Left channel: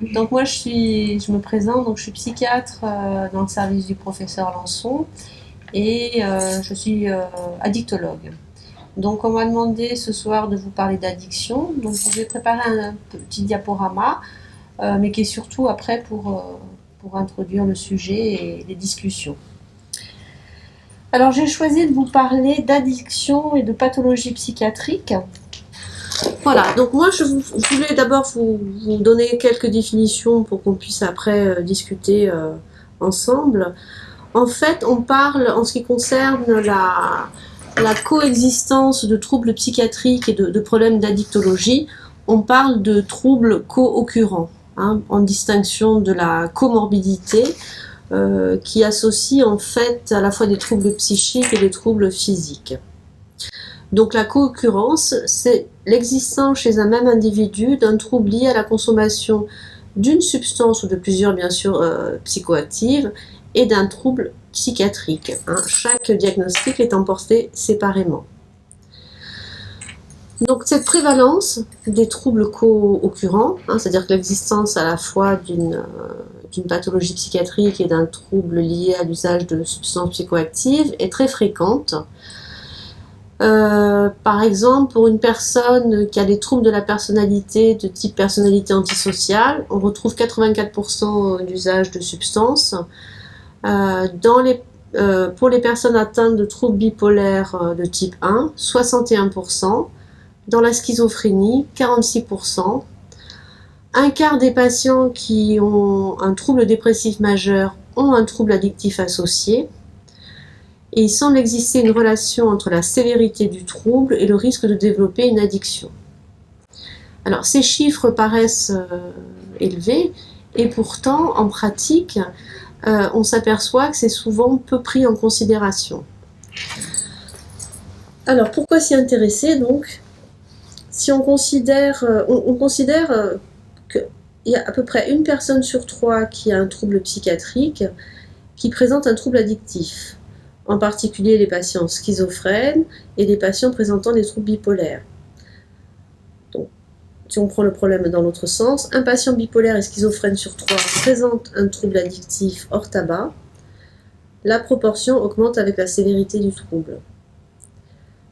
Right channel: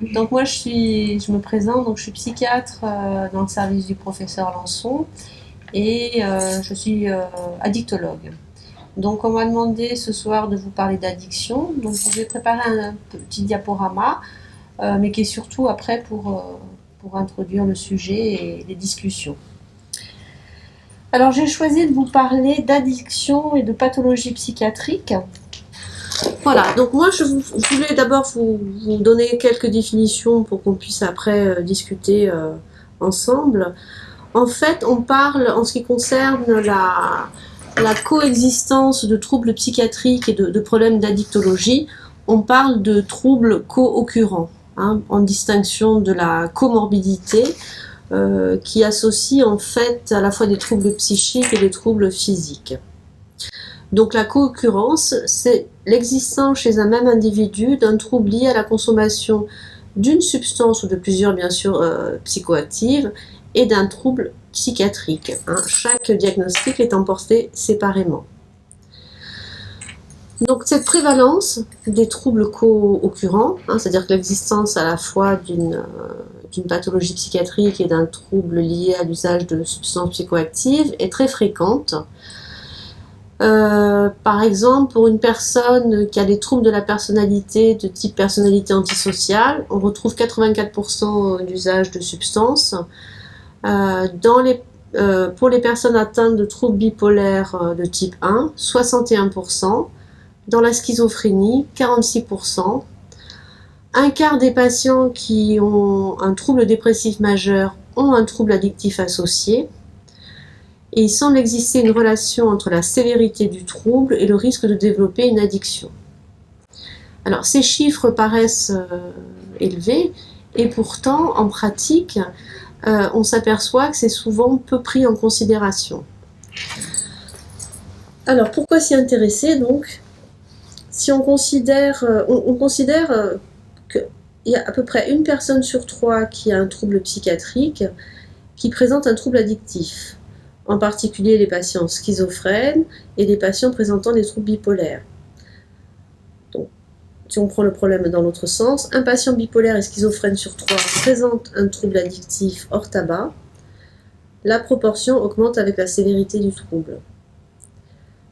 Donc moi je me présente, donc je suis psychiatre dans le service du professeur Lançon et je suis addictologue. Donc on m'a demandé ce soir de vous parler d'addiction, donc je vais préparer un petit diaporama, mais qui est surtout après pour introduire le sujet et les discussions. Alors j'ai choisi de vous parler d'addiction et de pathologie psychiatrique. Voilà, donc moi je voulais d'abord vous donner quelques définitions pour qu'on puisse après discuter ensemble. En fait, on parle, en ce qui concerne la coexistence de troubles psychiatriques et de problèmes d'addictologie, on parle de troubles co-occurrents, en distinction de la comorbidité, qui associe en fait à la fois des troubles psychiques et des troubles physiques. Donc la co-occurrence, c'est l'existence chez un même individu d'un trouble lié à la consommation d'une substance ou de plusieurs bien sûr psychoactives et d'un trouble psychiatrique. Chaque diagnostic étant porté séparément. Donc cette prévalence des troubles co-occurrents, c'est-à-dire que l'existence à la fois d'une pathologie psychiatrique et d'un trouble lié à l'usage de substances psychoactives est très fréquente. Par exemple, pour une personne qui a des troubles de la personnalité de type personnalité antisociale, on retrouve 84% d'usage de substances. Pour les personnes atteintes de troubles bipolaires de type 1, 61%. Dans la schizophrénie, 46%. Un quart des patients qui ont un trouble dépressif majeur ont un trouble addictif associé. Et il semble exister une relation entre la sévérité du trouble et le risque de développer une addiction. Alors ces chiffres paraissent élevés et pourtant en pratique on s'aperçoit que c'est souvent peu pris en considération. Alors pourquoi s'y intéresser donc? Si on considère qu'il y a à peu près une personne sur 3 qui a un trouble psychiatrique qui présente un trouble addictif, en particulier les patients schizophrènes et les patients présentant des troubles bipolaires. Donc, si on prend le problème dans l'autre sens, un patient bipolaire et schizophrène sur 3 présente un trouble addictif hors tabac, la proportion augmente avec la sévérité du trouble.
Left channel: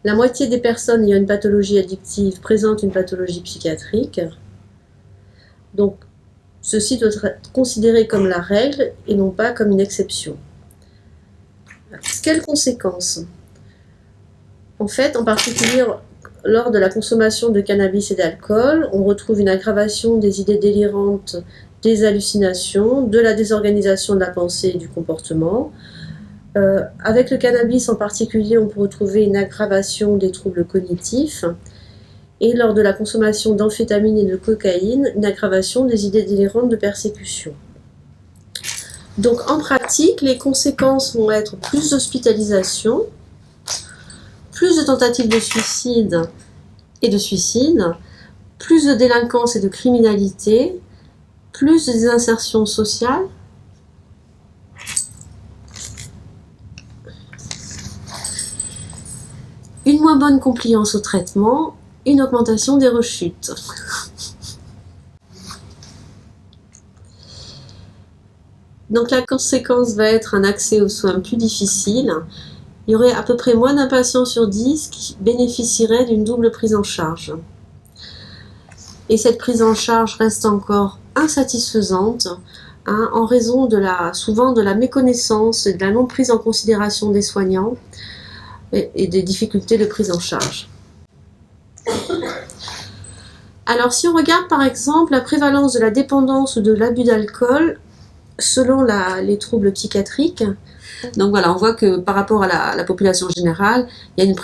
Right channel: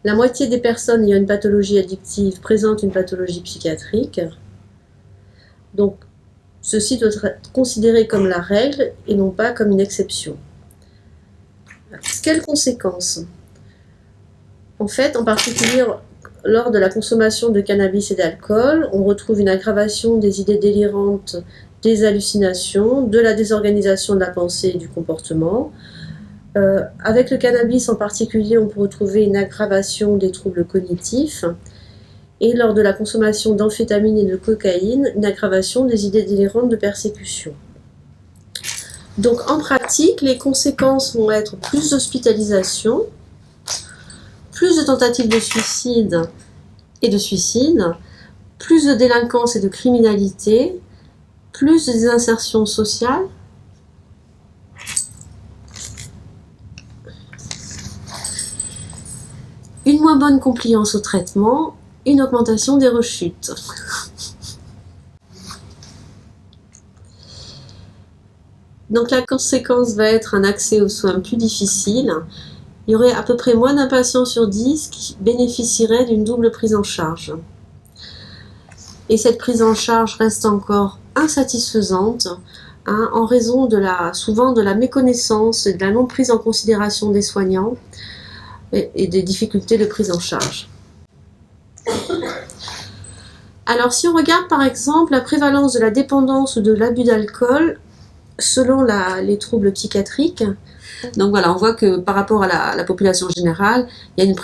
La moitié des personnes ayant une pathologie addictive présentent une pathologie psychiatrique. Donc, ceci doit être considéré comme la règle et non pas comme une exception. Quelles conséquences? En fait, en particulier lors de la consommation de cannabis et d'alcool, on retrouve une aggravation des idées délirantes, des hallucinations, de la désorganisation de la pensée et du comportement. Avec le cannabis en particulier, on peut retrouver une aggravation des troubles cognitifs et lors de la consommation d'amphétamines et de cocaïne, une aggravation des idées délirantes de persécution. Donc en pratique, les conséquences vont être plus d'hospitalisation, plus de tentatives de suicide et de suicide, plus de délinquance et de criminalité, plus de désinsertion sociale, une moins bonne compliance au traitement, une augmentation des rechutes. Donc la conséquence va être un accès aux soins plus difficile. Il y aurait à peu près moins d'un patient sur 10 qui bénéficierait d'une double prise en charge. Et cette prise en charge reste encore insatisfaisante en raison souvent de la méconnaissance et de la non prise en considération des soignants et des difficultés de prise en charge. Alors si on regarde par exemple la prévalence de la dépendance ou de l'abus d'alcool selon les troubles psychiatriques, donc voilà, on voit que par rapport à la population générale, il y a une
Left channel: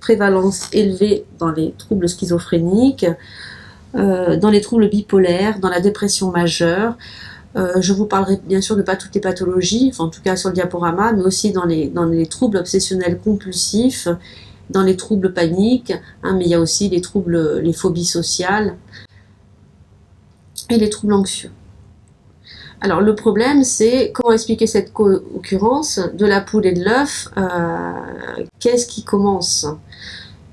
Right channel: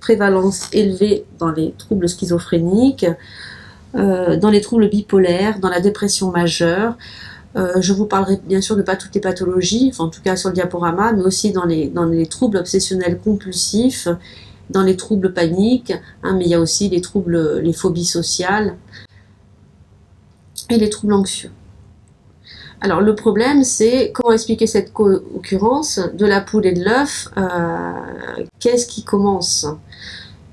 prévalence élevée dans les troubles schizophréniques, dans les troubles bipolaires, dans la dépression majeure. Je vous parlerai bien sûr de pas toutes les pathologies, enfin, en tout cas sur le diaporama, mais aussi dans les troubles obsessionnels compulsifs, dans les troubles paniques, mais il y a aussi les phobies sociales et les troubles anxieux. Alors le problème, c'est comment expliquer cette co-occurrence de la poule et de l'œuf. Qu'est-ce qui commence?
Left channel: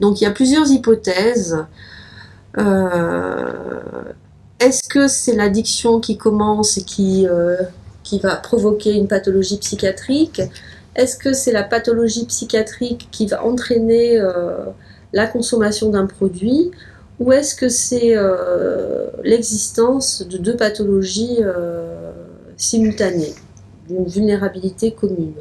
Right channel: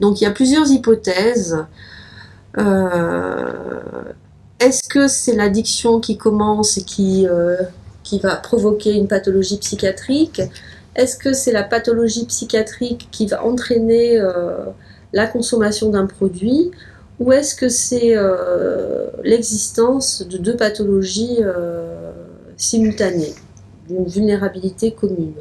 Donc il y a plusieurs hypothèses. Est-ce que c'est l'addiction qui commence et qui va provoquer une pathologie psychiatrique? Est-ce que c'est la pathologie psychiatrique qui va entraîner la consommation d'un produit? Ou est-ce que c'est l'existence de deux pathologies simultanées, d'une vulnérabilité commune?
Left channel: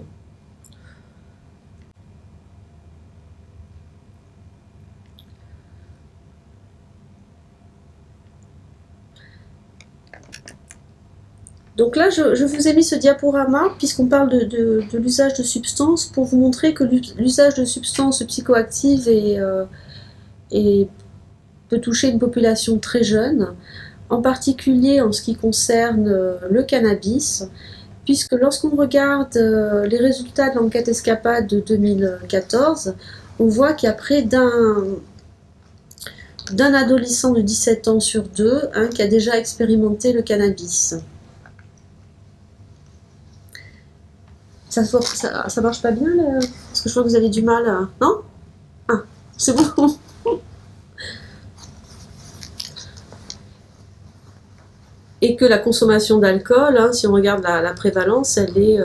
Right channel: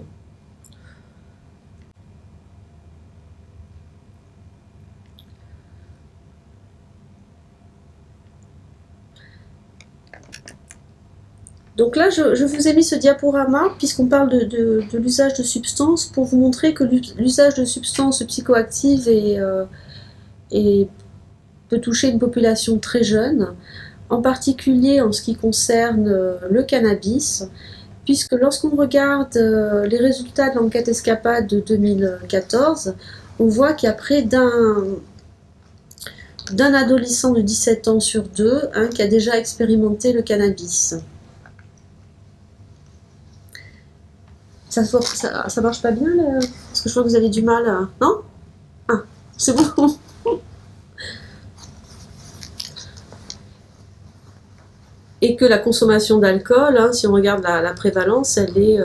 Donc là, je vous ai mis ce diaporama, puisqu'on parle de l'usage de substances, pour vous montrer que l'usage de substances psychoactives peut toucher une population très jeune, en particulier en ce qui concerne le cannabis, puisque lorsqu'on regarde les résultats de l'enquête Escapade de 2014, on voit qu'il y a près d'un adolescent de 17 ans sur deux qui a déjà expérimenté le cannabis. Ça marche pas bien là? Parce que je vois que vous avez du mal à... Non? Ah, c'est bon. Et que la consommation d'alcool, si on regarde la prévalence, elle est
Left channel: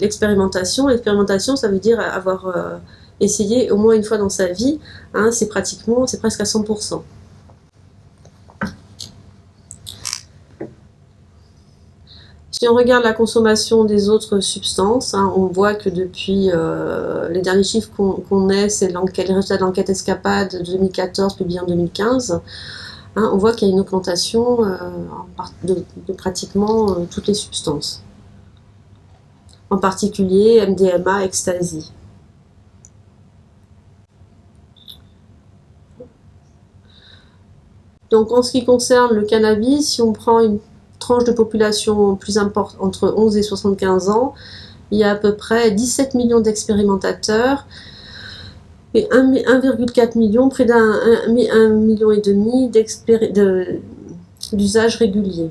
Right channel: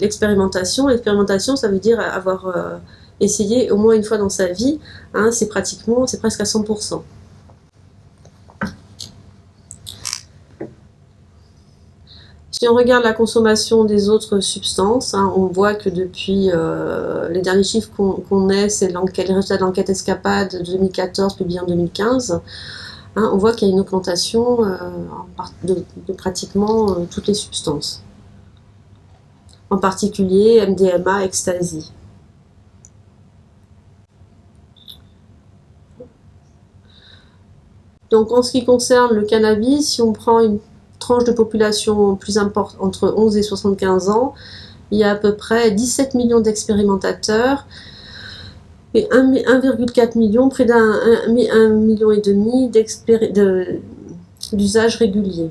l'expérimentation. L'expérimentation, ça veut dire avoir essayé au moins une fois dans sa vie. C'est presque à 100%. Si on regarde la consommation des autres substances, on voit que depuis les derniers chiffres qu'on ait, c'est les résultats de l'enquête Escapade de 2014 publiée en 2015. On voit qu'il y a une augmentation de pratiquement toutes les substances. En particulier MDMA, ecstasy. Donc en ce qui concerne le cannabis, si on prend une tranche de population plus importante, entre 11 et 75 ans, il y a à peu près 17 millions d'expérimentateurs et 1,4 million, près d'1,5 million d'usages réguliers.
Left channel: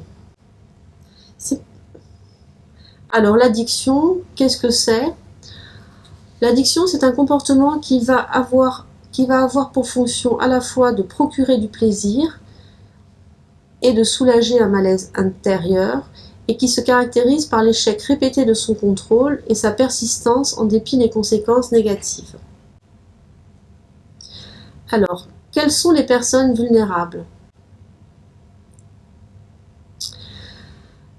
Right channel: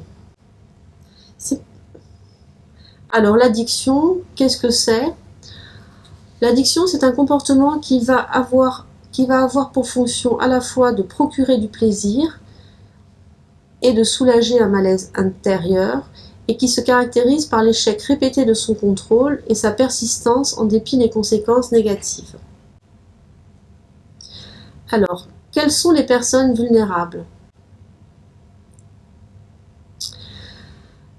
Alors l'addiction, qu'est-ce que c'est? L'addiction, c'est un comportement qui va avoir pour fonction à la fois de procurer du plaisir et de soulager un malaise intérieur, et qui se caractérise par l'échec répété de son contrôle et sa persistance en dépit des conséquences négatives. Alors, quelles sont les personnes vulnérables?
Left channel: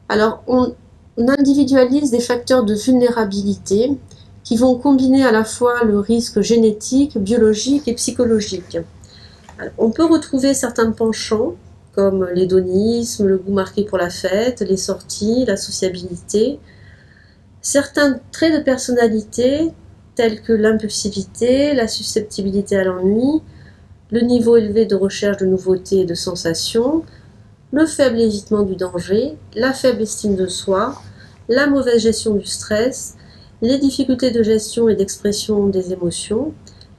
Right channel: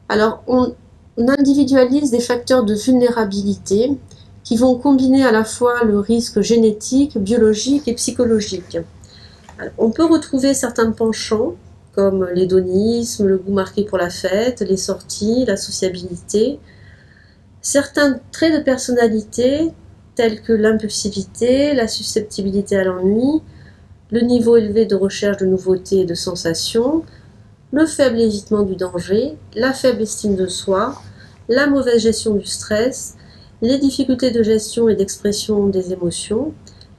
Alors, on individualise des facteurs de vulnérabilité qui vont combiner à la fois le risque génétique, biologique et psychologique. Alors, on peut retrouver certains penchants, comme l'hédonisme, le goût marqué pour la fête, les sorties, la sociabilité. Certains traits de personnalité, tels que l'impulsivité, la susceptibilité à l'ennui, le niveau élevé de recherche de nouveautés et de sensations, le faible évitement du danger, la faible estime de soi, la mauvaise gestion du stress, les difficultés de gestion et d'expression des émotions,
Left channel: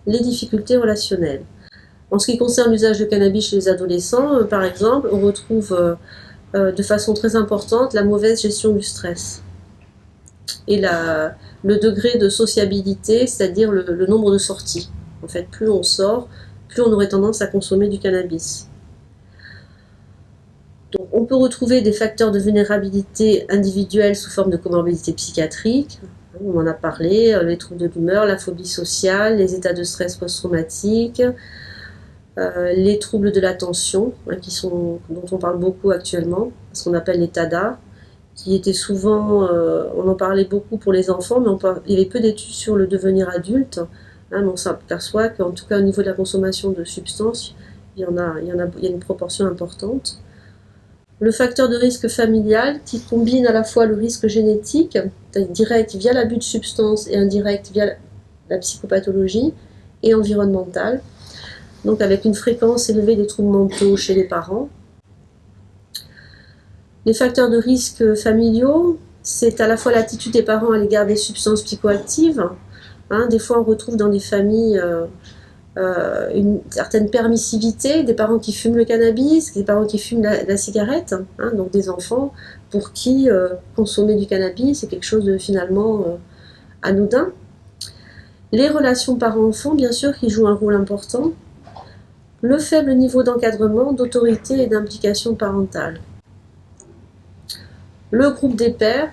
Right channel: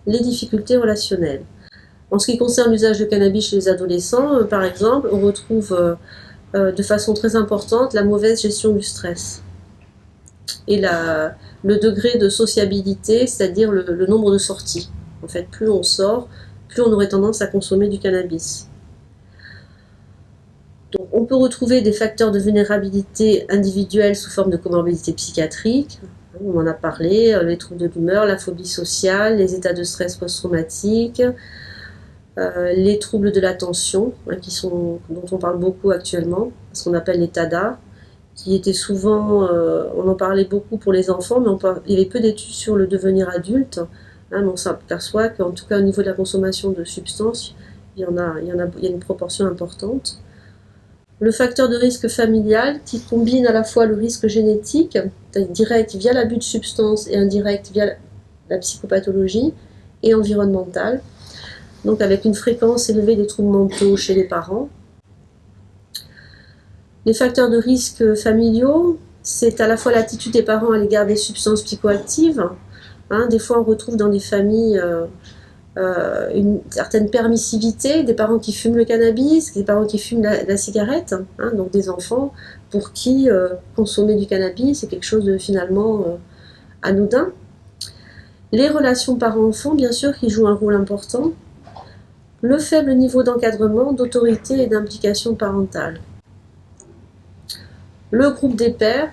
les difficultés relationnelles. En ce qui concerne l'usage de cannabis chez les adolescents, par exemple, on retrouve de façon très importante la mauvaise gestion du stress et le degré de sociabilité, c'est-à-dire le nombre de sorties. En fait, plus on sort, plus on aurait tendance à consommer du cannabis. Donc, on peut retrouver des facteurs de vulnérabilité individuelle sous forme de comorbidité psychiatrique. On en a parlé, les troubles de l'humeur, la phobie sociale, les états de stress post-traumatique, les troubles de l'attention, dont on parle beaucoup actuellement, ce qu'on appelle les TADA, qui étaient souvent, on en parlait beaucoup pour les enfants, mais il y avait peu d'études sur le devenir adulte. Mais on s'aperçoit qu'en tout cas au niveau de la consommation de substances, il y a une proportion importante. Le facteur de risque familial qui combine à la fois le risque génétique, direct via l'abus de substances et indirect via la psychopathologie, et environnemental, donc avec une fréquence élevée des troubles mentaux chez les parents. Les facteurs de risque familiaux, c'est à la fois l'attitude des parents à l'égard des substances psychoactives. Des fois, on retrouve dans des familles une certaine permissivité, des parents qui fument le cannabis, des parents qui fument la cigarette, donc des enfants pour qui consommer du cannabis, c'est quelque chose de finalement anodin. Les relations parents-enfants, bien sûr, qui jouent un rôle important. le faible niveau d'encadrement, d'autorité et d'implication parentale. Le groupe des pairs,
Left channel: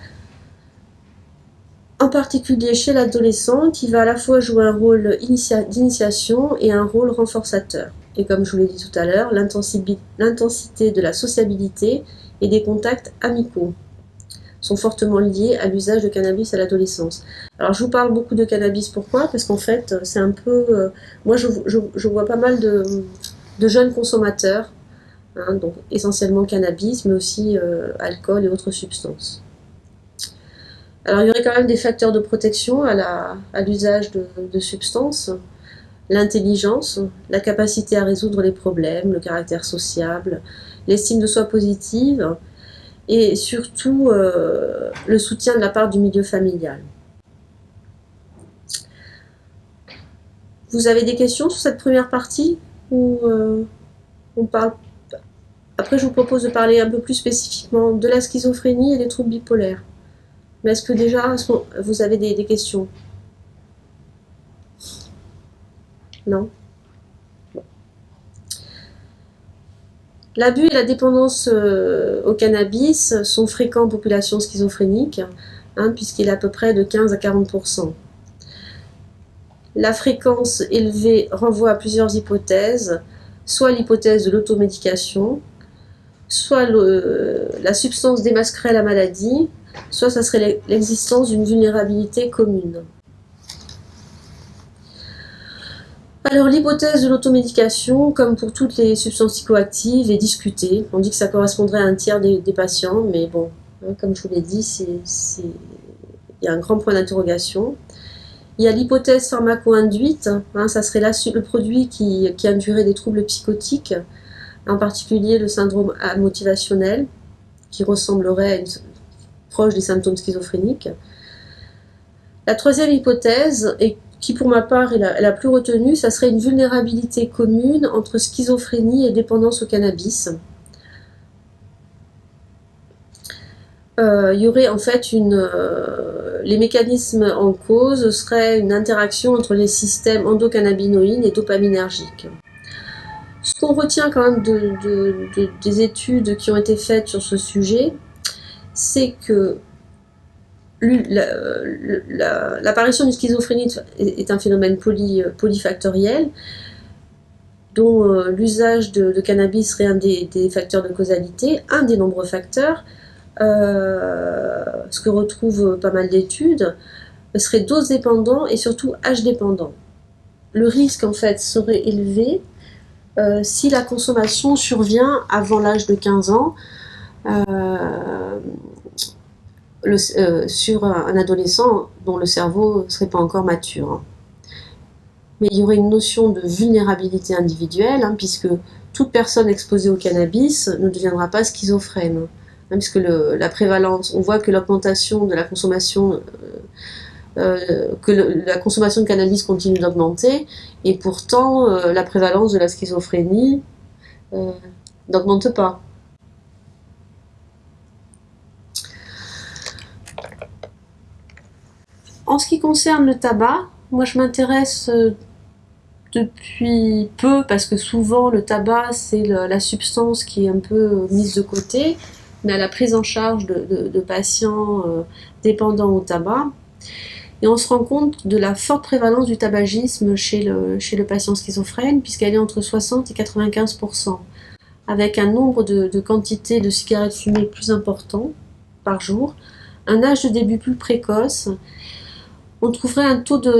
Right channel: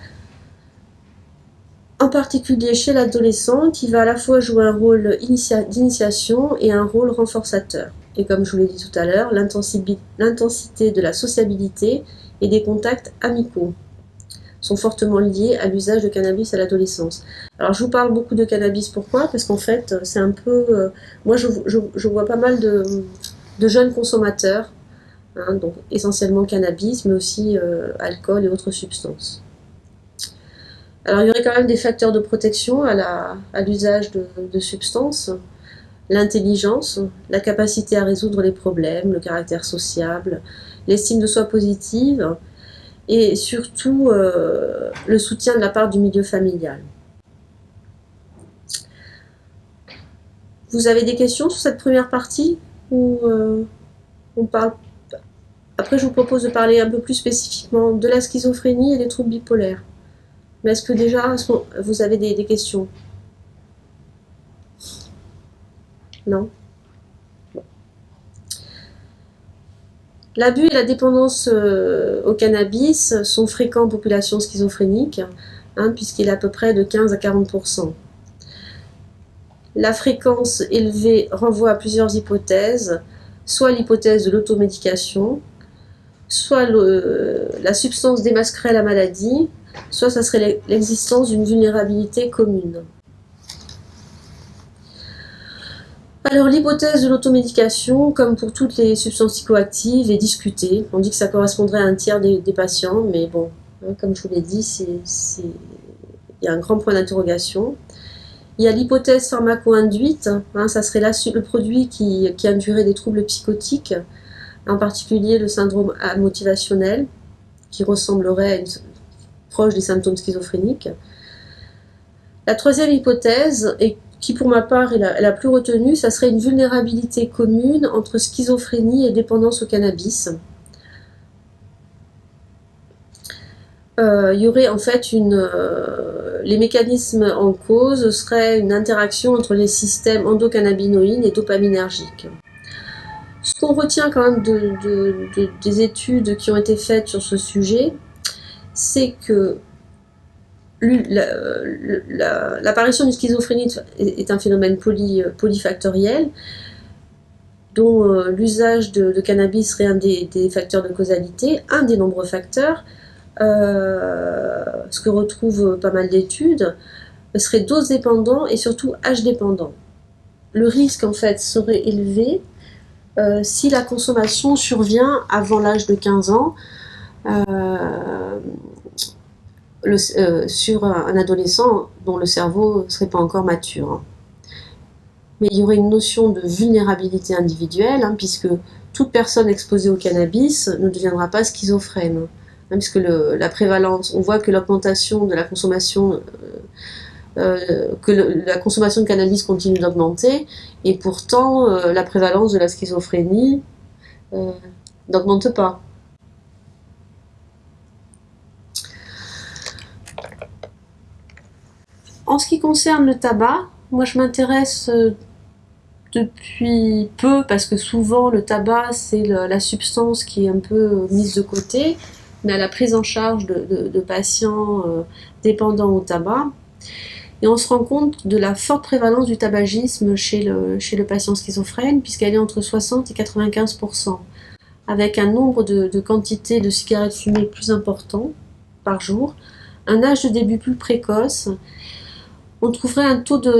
en particulier chez l'adolescent, qui va à la fois jouer un rôle d'initiation et un rôle renforçateur. Et comme je vous l'ai dit tout à l'heure, l'intensité de la sociabilité et des contacts amicaux sont fortement liés à l'usage de cannabis à l'adolescence. Alors je vous parle beaucoup de cannabis, pourquoi? Parce qu'en fait, c'est un peu... moi, je vois pas mal de jeunes consommateurs, hein, donc essentiellement cannabis, mais aussi alcool et autres substances. Alors il y aurait quand même des facteurs de protection à l'usage de substances. L'intelligence, la capacité à résoudre les problèmes, le caractère sociable, l'estime de soi positive, et surtout le soutien de la part du milieu familial. Vous avez des questions sur cette première partie ou on parle... Après, je vous propose de parler un peu plus spécifiquement de la schizophrénie et des troubles bipolaires. Mais est-ce que déjà vous avez des questions? Non? L'abus et la dépendance au cannabis sont fréquents en population schizophrénique, hein, puisqu'il est à peu près de 15 à 40%. La fréquence élevée renvoie à plusieurs hypothèses, soit l'hypothèse de l'automédication, soit la substance démasquerait la maladie, soit ça serait l'existence d'une vulnérabilité commune. Alors l'hypothèse de l'automédication, comme pour toutes les substances psychoactives, est discutée. On dit que ça correspondrait à un tiers des patients, mais bon, hein, comme je vous l'ai dit, il y a un grand point d'interrogation. Il y a l'hypothèse pharmaco-induite, hein, ça serait le produit qui induirait des troubles psychotiques, en particulier le syndrome motivationnel, qui ressemblerait proche des symptômes schizophréniques. La troisième hypothèse, et qui pour ma part est la plus retenue, ça serait une vulnérabilité commune entre schizophrénie et dépendance au cannabis. Il y aurait en fait les mécanismes en cause seraient une interaction entre les systèmes endocannabinoïdes et dopaminergiques. Ce qu'on retient quand même des études qui ont été faites sur ce sujet, c'est que l'apparition d'une schizophrénie est un phénomène polyfactoriel, dont l'usage de cannabis serait un des facteurs de causalité, un des nombreux facteurs. Ce que retrouvent pas mal d'études, serait dose dépendant et surtout âge dépendant. Le risque en fait serait élevé si la consommation survient avant l'âge de 15 ans sur un adolescent dont le cerveau ne serait pas encore mature. Mais il y aurait une notion de vulnérabilité individuelle, hein, puisque toute personne exposée au cannabis ne deviendra pas schizophrène. Puisque la prévalence, on voit que l'augmentation de la consommation, la consommation de cannabis continue d'augmenter, et pourtant la prévalence de la schizophrénie n'augmente pas. En ce qui concerne le tabac, moi je m'intéresse depuis peu, parce que souvent le tabac c'est la substance qui est un peu mise de côté, mais à la prise en charge de patients dépendants au tabac. Et on se rend compte de la forte prévalence du tabagisme chez le patient schizophrène, puisqu'elle est entre 60 et 95%, avec un nombre de quantités de cigarettes fumées plus important par jour, un âge de début plus précoce. On trouverait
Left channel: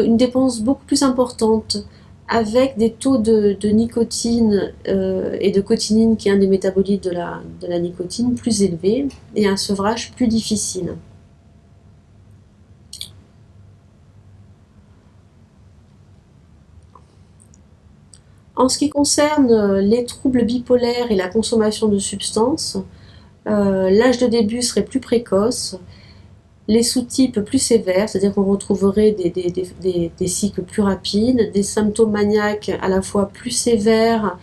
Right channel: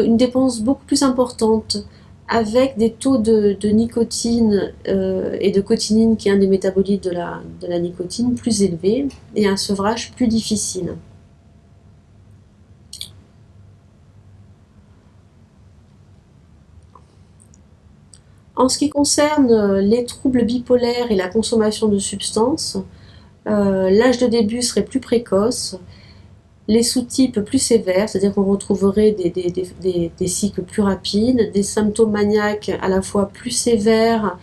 une dépense beaucoup plus importante, avec des taux de nicotine et de cotinine, qui est un des métabolites de la nicotine, plus élevés, et un sevrage plus difficile. En ce qui concerne les troubles bipolaires et la consommation de substances, l'âge de début serait plus précoce, les sous-types plus sévères, c'est-à-dire qu'on retrouverait des cycles plus rapides, des symptômes maniaques à la fois plus sévères,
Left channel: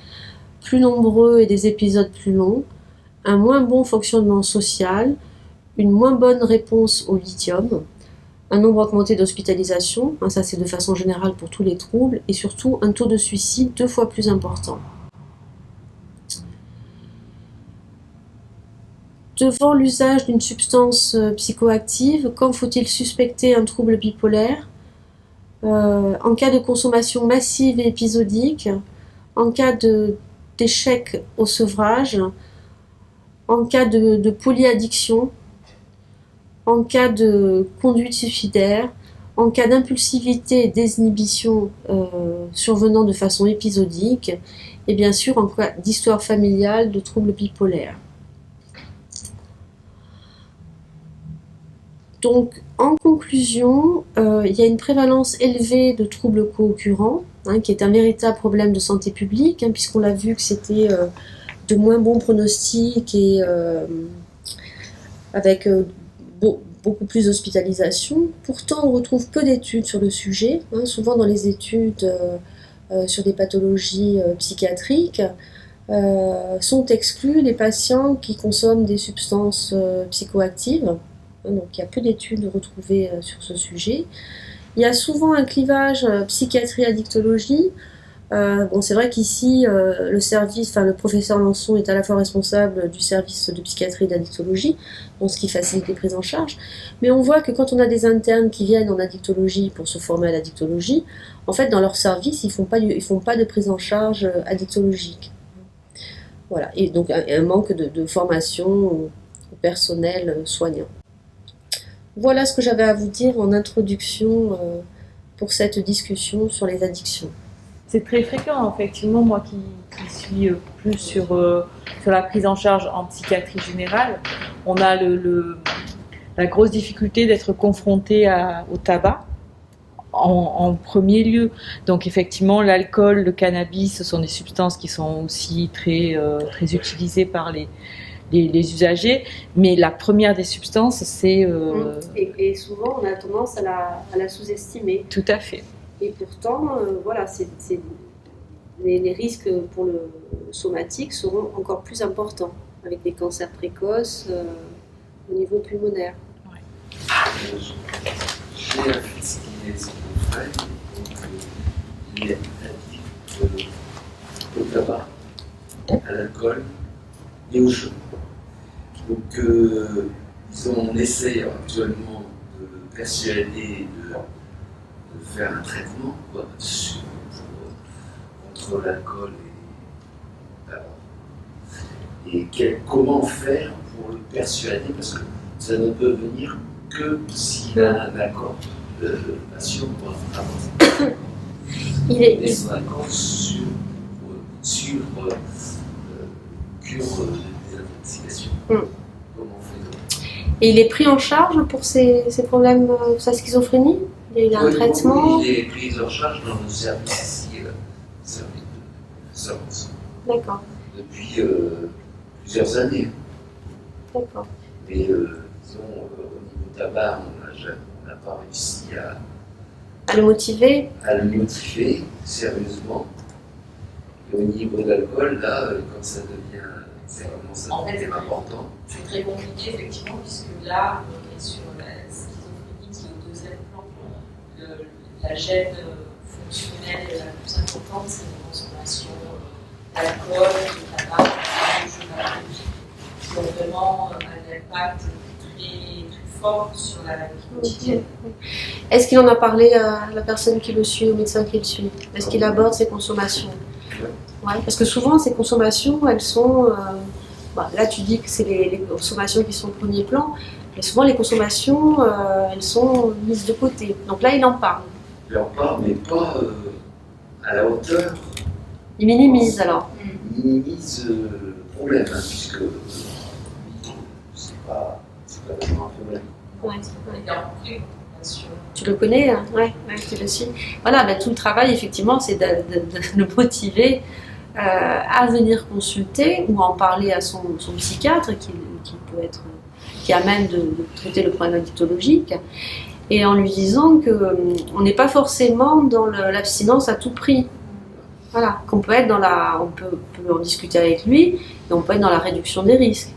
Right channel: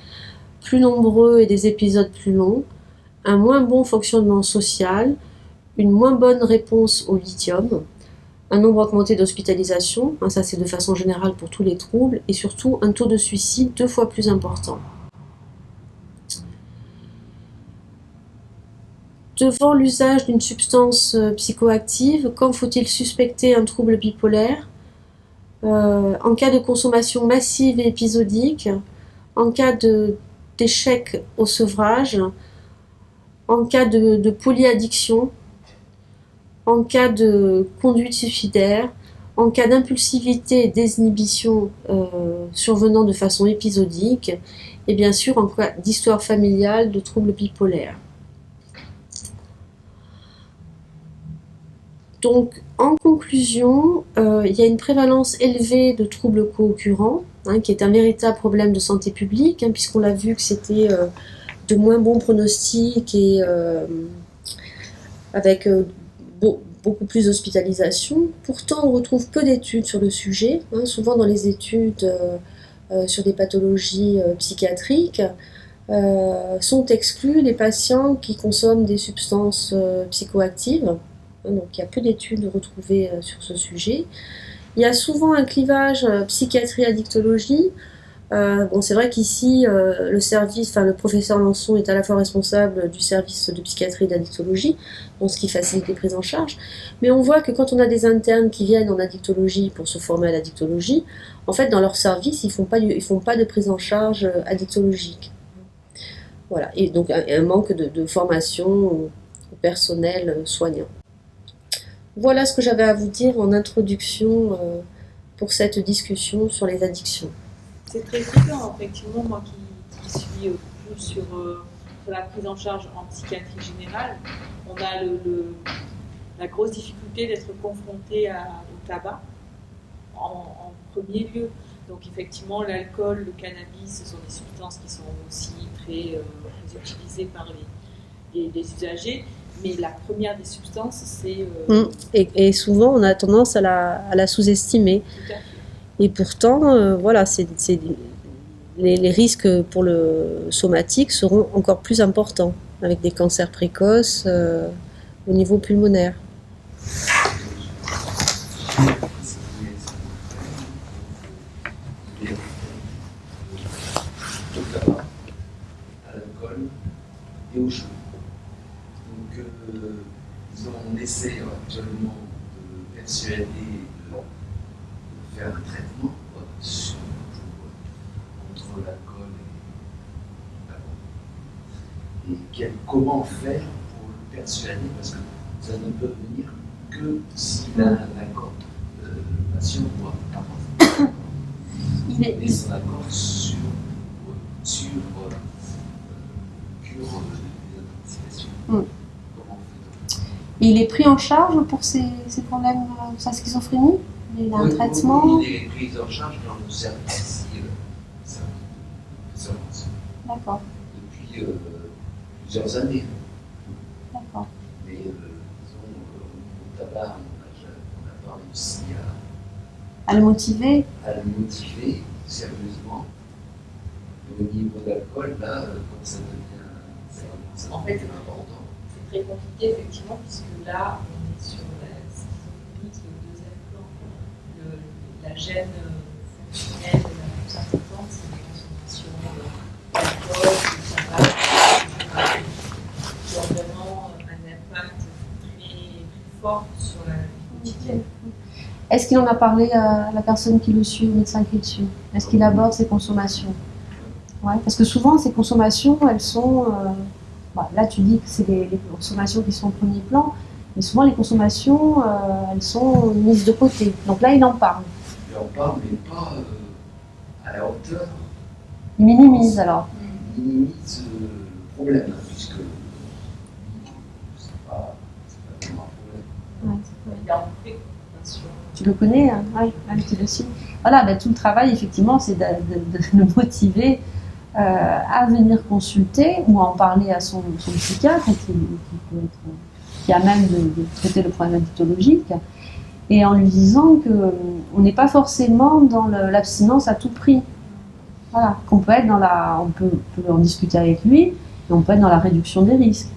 plus nombreux et des épisodes plus longs, un moins bon fonctionnement social, une moins bonne réponse au lithium, un nombre augmenté d'hospitalisations, ça c'est de façon générale pour tous les troubles, et surtout un taux de suicide 2 fois plus important. Devant l'usage d'une substance psychoactive, quand faut-il suspecter un trouble bipolaire? En cas de consommation massive et épisodique, en cas d'échec au sevrage, en cas de polyaddiction, en cas de conduite suicidaire, en cas d'impulsivité et désinhibition survenant de façon épisodique, et bien sûr en cas d'histoire familiale de troubles bipolaires. Donc, en conclusion, il y a une prévalence élevée de troubles co-occurrents, qui est un véritable problème de santé publique, puisqu'on l'a vu que c'était de moins bons pronostics et avec beaucoup plus d'hospitalisation. Pourtant, on retrouve peu d'études sur le sujet. Souvent, dans les études sur des pathologies psychiatriques, sont exclus les patients qui consomment des substances psychoactives. Donc, il y a peu d'études retrouvées sur ce sujet. Il y a souvent un clivage psychiatrie-addictologie. C'est vrai qu'ici, le professeur Lançon est à la fois responsable du service de psychiatrie et d'addictologie, donc ce qui facilite les prises en charge. Mais on voit que quand on a des internes qui viennent en addictologie pour se former à l'addictologie, en fait, dans leur service, ils font pas de prise en charge addictologique. Voilà. Et donc, un manque de formation au personnel soignant. Voilà ce que j'avais à vous dire en introduction pour cette discussion sur les addictions. C'est très fréquent, effectivement, moi qui suis plus sur la prise en charge en psychiatrie générale, on a la grosse difficulté d'être confronté au tabac en premier lieu. Donc effectivement, l'alcool, le cannabis, ce sont des substances qui sont aussi très utilisées par les usagers, mais la première des substances, c'est... Et souvent, on a tendance à la sous-estimer. Tout à fait. Et pourtant, les risques pour le somatique seront encore plus importants, avec des cancers précoces au niveau pulmonaire. J'ai un fils qui est schizophrène, donc il est addict au tabac, à l'alcool et au jeu. Donc, on essaie actuellement de le persuader de faire un traitement contre l'alcool et le tabac. Et comment faire pour le persuader, parce que ça ne peut venir que s'il a un accord de patient pour avancer. Il est son accord sur cure des intoxications. Comment on fait? Et il est pris en charge pour ces problèmes, sa schizophrénie? Il a un traitement? Oui, il est pris en charge dans nos services ici, le service de service. D'accord. Depuis plusieurs années. D'accord. Mais disons, au niveau tabac, on n'a pas réussi à le motiver? À le motiver sérieusement. Et au niveau de l'alcool, là, quand ça commence à devenir important. C'est très compliqué, effectivement, puisque là, on est sur la schizophrénie qui est au deuxième plan. La gêne fonctionnelle la plus importante, c'est la consommation d'alcool, de tabac, de jeux qui ont vraiment un impact plus fort sur la vie quotidienne. Est-ce qu'il en a parlé à la personne qui le suit, au médecin qui le suit? Est-ce qu'il aborde ses consommations? Ouais, parce que souvent, ces consommations, elles sont... là, tu dis que c'est les consommations qui sont au premier plan, mais souvent, les consommations, elles sont mises de côté. Donc là, il en parle. Il en parle, mais pas à la hauteur. Il minimise, alors. Il minimise le problème, puisque c'est pas vraiment un problème. Ouais. Tu le connais, hein? Ouais, tu le suis. Voilà, tout le travail, effectivement, c'est de le motiver à venir consulter ou en parler à son psychiatre qui est à même de traiter le problème addictologique, et en lui disant qu'on n'est pas forcément dans l'abstinence à tout prix. Voilà, qu'on peut être on peut en discuter avec lui, et on peut être dans la réduction des risques.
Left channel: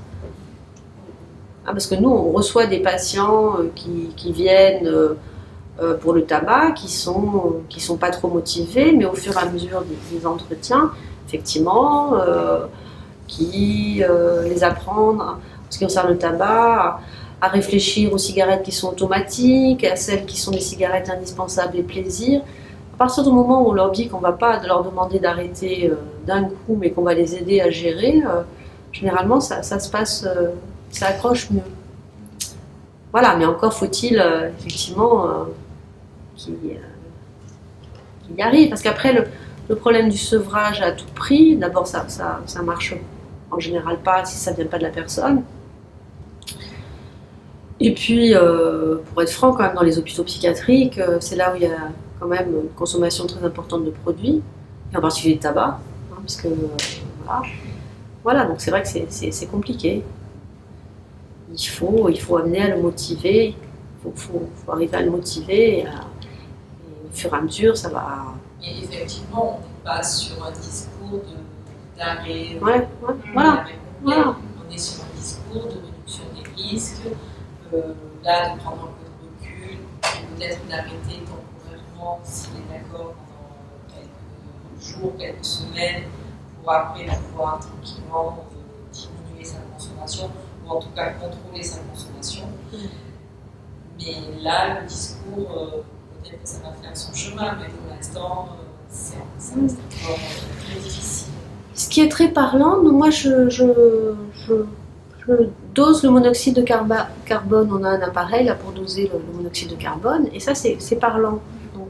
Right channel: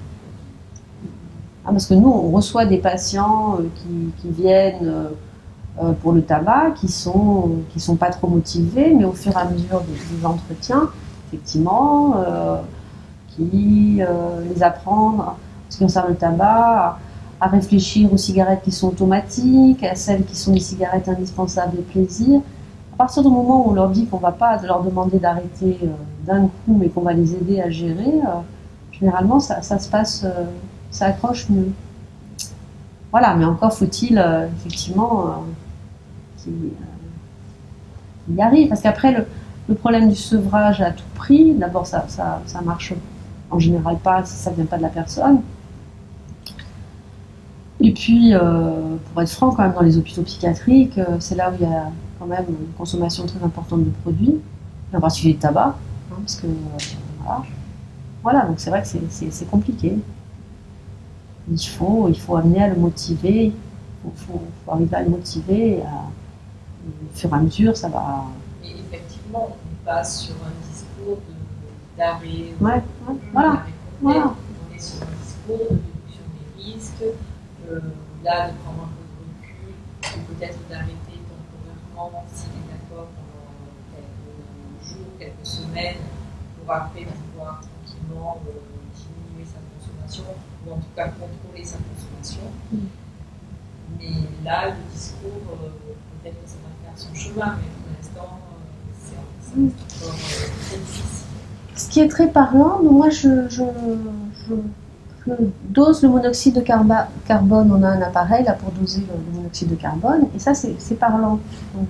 Parce que nous, on reçoit des patients qui viennent pour le tabac, qui sont pas trop motivés, mais au fur et à mesure des entretiens, effectivement, qui les apprendre ce qui concerne le tabac, à réfléchir aux cigarettes qui sont automatiques, à celles qui sont des cigarettes indispensables et plaisir. À partir du moment où on leur dit qu'on ne va pas leur demander d'arrêter d'un coup, mais qu'on va les aider à gérer, généralement ça se passe, ça accroche mieux. Voilà, mais encore faut-il effectivement qu'il y arrive. Parce qu'après, le problème du sevrage à tout prix, d'abord ça marche en général pas si ça ne vient pas de la personne. Et puis, pour être franc, quand même, dans les hôpitaux psychiatriques, c'est là où il y a quand même une consommation très importante de produits, et en particulier de tabac, hein, parce que voilà, donc c'est vrai que c'est compliqué. Il faut amener à le motiver, il faut arriver à le motiver, et au fur et à mesure, ça va. Et effectivement, on n'est pas sur un discours d'arrêt. Ouais, voilà. On est sur un discours de réduction des risques, là de prendre un peu de recul, et peut-être d'arrêter temporairement s'il est d'accord pendant quelques jours, quelques semaines, pour après pouvoir tranquillement diminuer sa consommation, ou en tout cas contrôler sa consommation. Mais là, le discours, peut-être que ça va faire son chemin, mais pour l'instant, ça reste encore très difficile. Ce qui est très parlant, moi je dose le monoxyde de carbone. On a un appareil là pour doser le monoxyde de carbone, et ça c'est parlant. Donc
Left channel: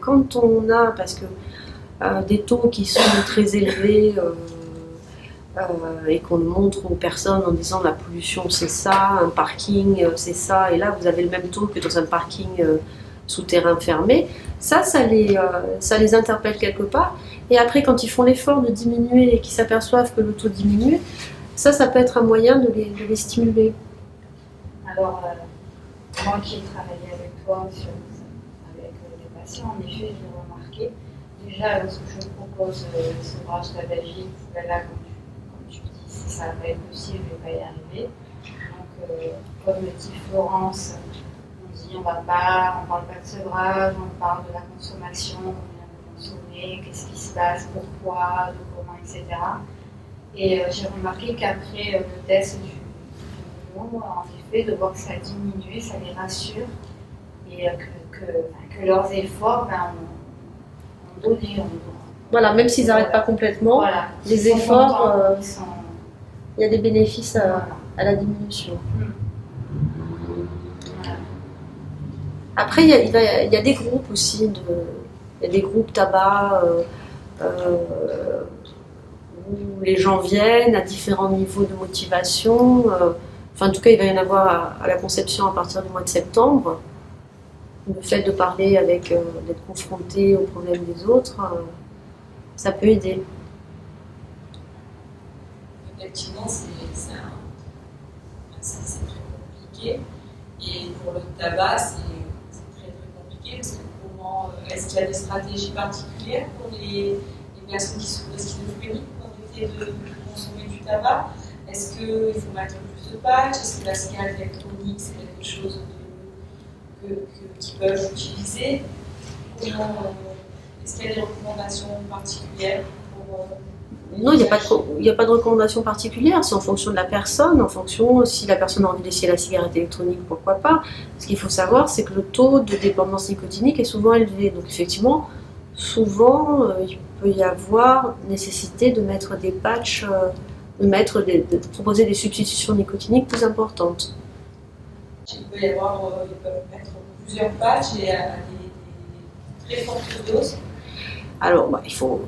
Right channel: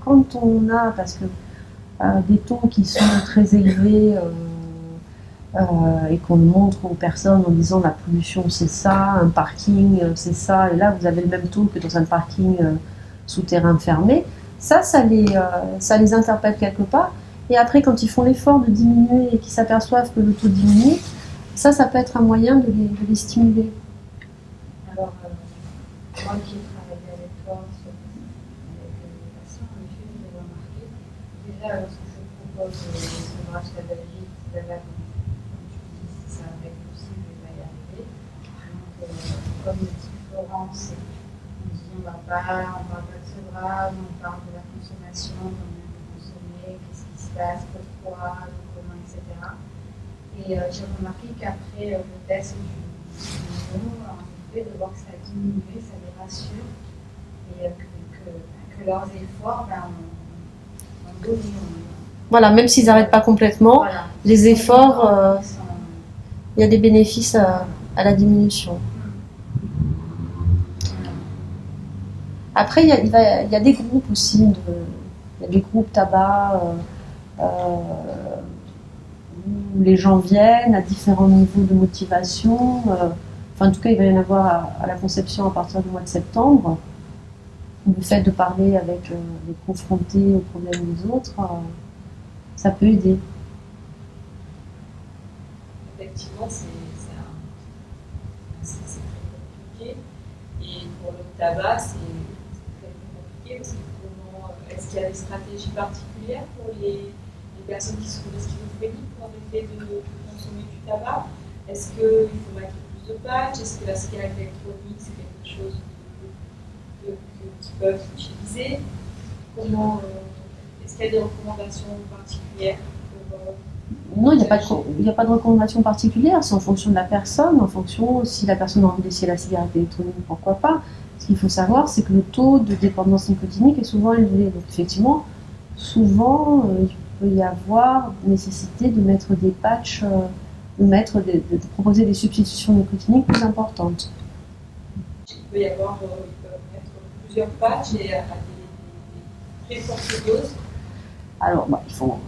quand on a, parce que des taux qui sont très élevés et qu'on montre aux personnes en disant la pollution c'est ça, un parking c'est ça, et là vous avez le même taux que dans un parking souterrain fermé, ça les interpelle quelque part. Et après, quand ils font l'effort de diminuer et qu'ils s'aperçoivent que le taux diminue, ça peut être un moyen de les stimuler. Alors, moi qui ai travaillé avec toi avec les patients, en effet, je l'ai remarqué. Déjà, lorsque je propose les ouvrages tabagiques, là, comme tu dis, si ça va être possible, je ne vais pas y arriver. Donc, comme le dit Florence, on dit on ne parle pas de sevrage, on parle de la consommation, qu'est-ce qui se passe, pourquoi, de comment, etc. Et j'ai remarqué qu'après le test du monde, en effet, de voir que ça a diminué, ça les rassure. Et que leurs efforts, on bouge. Voilà, même s'ils n'arrêtent pas complètement, voilà, les efforts, il y a des bénéfices à la diminution. Voilà. Après, il y a des groupes aussi il y a des groupes tabac où les gens viennent à différents niveaux de motivation. Enfin, en tout cas, il va y en avoir à la conception à partir du mois de septembre. Le fait de parler d'être confronté aux problèmes des autres, ça peut aider. Effectivement, c'est très compliqué. Et pour le tabac, c'est très compliqué parce que est-ce qu'il y a des stratégies particulières pour les personnes qui sont schizophréniques pour éviter de consommer du tabac? Est-ce qu'il faut mettre plus de patchs? Est-ce que la cigarette électronique, c'est quelque chose qu'ils peuvent utiliser? Est-ce qu'il y a des recommandations particulières pour Non, il n'y a pas de recommandation particulière, c'est en fonction de la personne, en fonction si la personne a envie d'essayer la cigarette électronique, pourquoi pas. Ce qu'il faut savoir, c'est que le taux de dépendance nicotinique est souvent élevé. Donc effectivement, souvent, il peut y avoir nécessité de mettre des patchs, de proposer des substitutions nicotiniques plus importantes. Il peut y avoir, ils peuvent mettre plusieurs patchs et à des très fortes doses. Alors, il faut...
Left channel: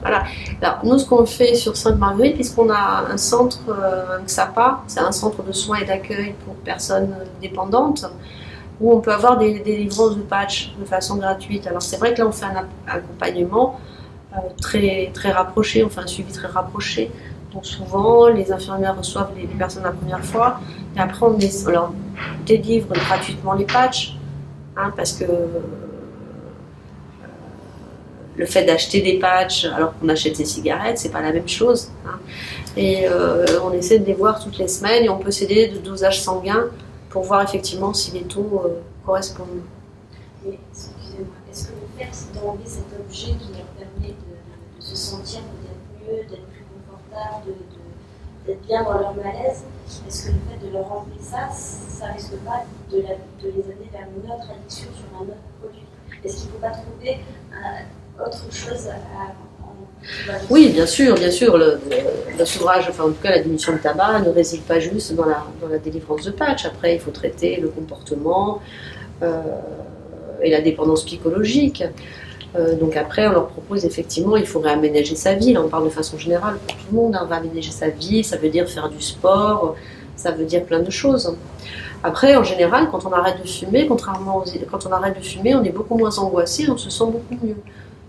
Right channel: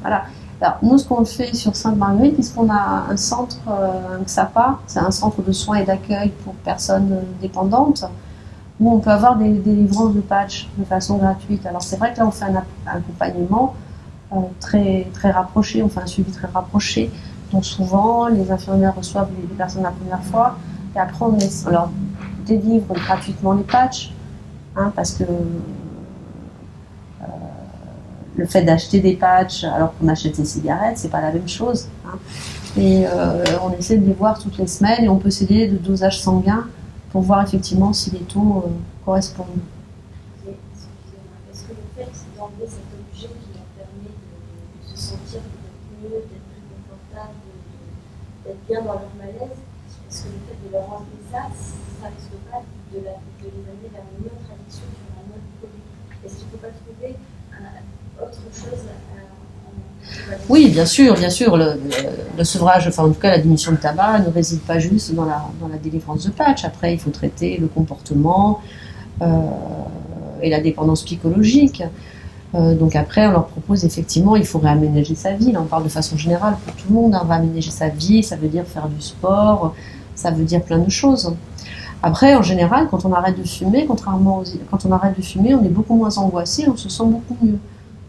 Voilà. Alors, nous, ce qu'on fait sur Sainte-Marguerite, puisqu'on a un centre, un XAPA, c'est un centre de soins et d'accueil pour personnes dépendantes, où on peut avoir des livrances de patchs de façon gratuite. Alors, c'est vrai que là, on fait un accompagnement très, très rapproché, on fait un suivi très rapproché. Donc, souvent, les infirmières reçoivent les personnes la première fois, et après, on leur délivre gratuitement les patchs, hein, parce que le fait d'acheter des patchs alors qu'on achète des cigarettes, c'est pas la même chose. Hein. Et on essaie de les voir toutes les semaines et on peut s'aider de dosage sanguin pour voir effectivement si les taux correspondent. Et, excusez-moi, est-ce que le fait d'enlever cet objet qui leur permet de se sentir peut-être mieux, d'être plus confortable, d'être bien dans leur malaise, est-ce que le fait de leur enlever ça, ça risque pas de les amener vers une autre addiction sur un autre produit? Est-ce qu'il ne faut pas trouver autre chose Oui, bien sûr, le sevrage, enfin en tout cas la diminution de tabac ne réside pas juste dans la délivrance de patch. Après, il faut traiter le comportement et la dépendance psychologique. Donc après, on leur propose effectivement, il faut réaménager sa vie. Là, on parle de façon générale pour tout le monde, hein, réaménager sa vie, ça veut dire faire du sport, ça veut dire plein de choses. Après, en général, quand on arrête de fumer, quand on arrête de fumer, on est beaucoup moins angoissé, on se sent beaucoup mieux.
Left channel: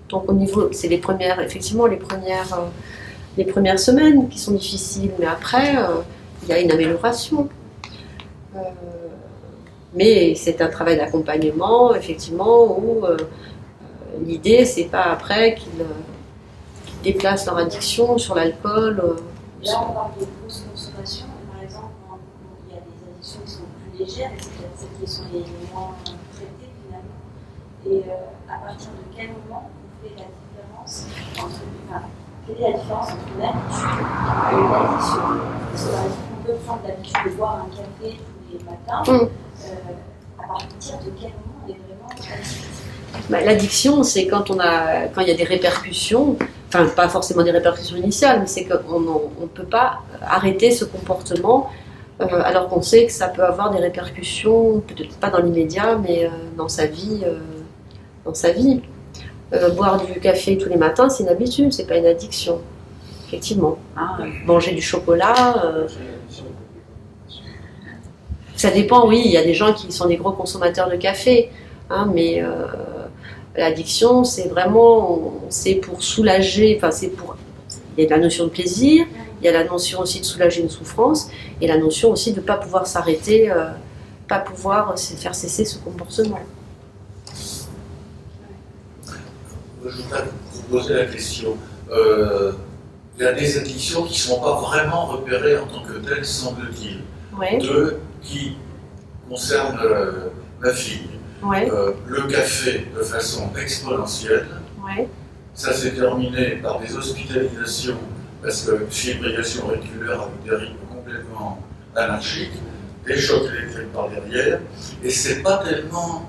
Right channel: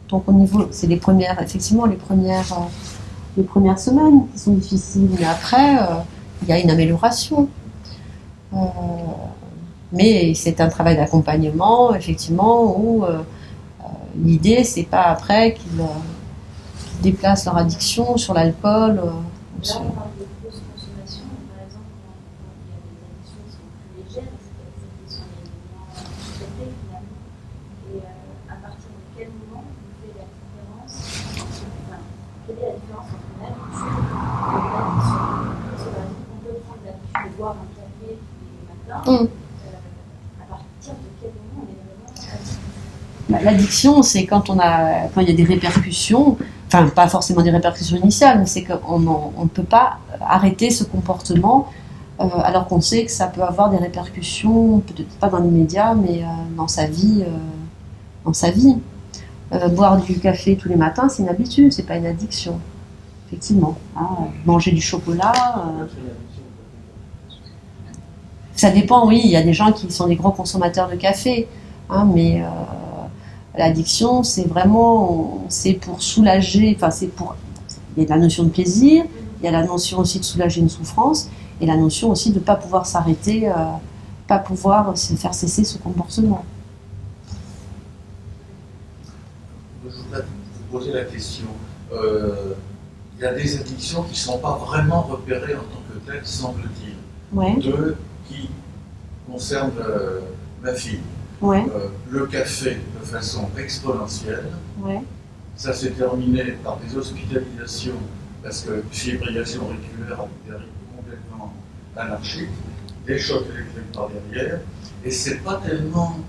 Donc au niveau, c'est les premières semaines qui sont difficiles, mais après, il y a une amélioration. Mais c'est un travail d'accompagnement, effectivement, où l'idée, c'est pas après qu'ils déplacent leur addiction sur l'alcool. Là, on parle de grosses consommations. Par exemple, il y a des addictions qui sont plus légères et c'est peut-être celles qui sont les moins traitées finalement. Et à partir de quel moment on fait la différence quelle est la différence entre une habitude et une addiction? Parce que par exemple, on peut prendre l'habitude de boire un café tous les matins. À partir de quel moment on est vraiment addict? L'addiction, c'est quand il y a des répercussions, enfin pas forcément des répercussions initiales, mais c'est qu'on ne peut pas arrêter ce comportement alors qu'on sait que ça peut avoir des répercussions, peut-être pas dans l'immédiat, mais dans sa vie. Boire du café tous les matins, c'est une habitude, c'est pas une addiction, effectivement. Manger du chocolat, ça dépend, oui, il y a des gens qui sont des gros consommateurs de café, hein, mais l'addiction, c'est vraiment, c'est pour soulager, il y a la notion de plaisir, il y a la notion aussi de soulager une souffrance, et la notion aussi de ne pas pouvoir s'arrêter, pas pouvoir faire cesser ce comportement. Je voudrais vous poser la question. Il y a des addictions qui ne sont pas vraiment repérées en tant que telles, semble-t-il. Ouais. Deux qui concernent ma fille. Ouais. Le café de façon exponentielle. Ouais. Ça s'est terminé par des hospitalisations parce que fibrillation auriculaire avec des rythmes complètement anarchiques, des chocs électriques par derrière, et c'est pas tellement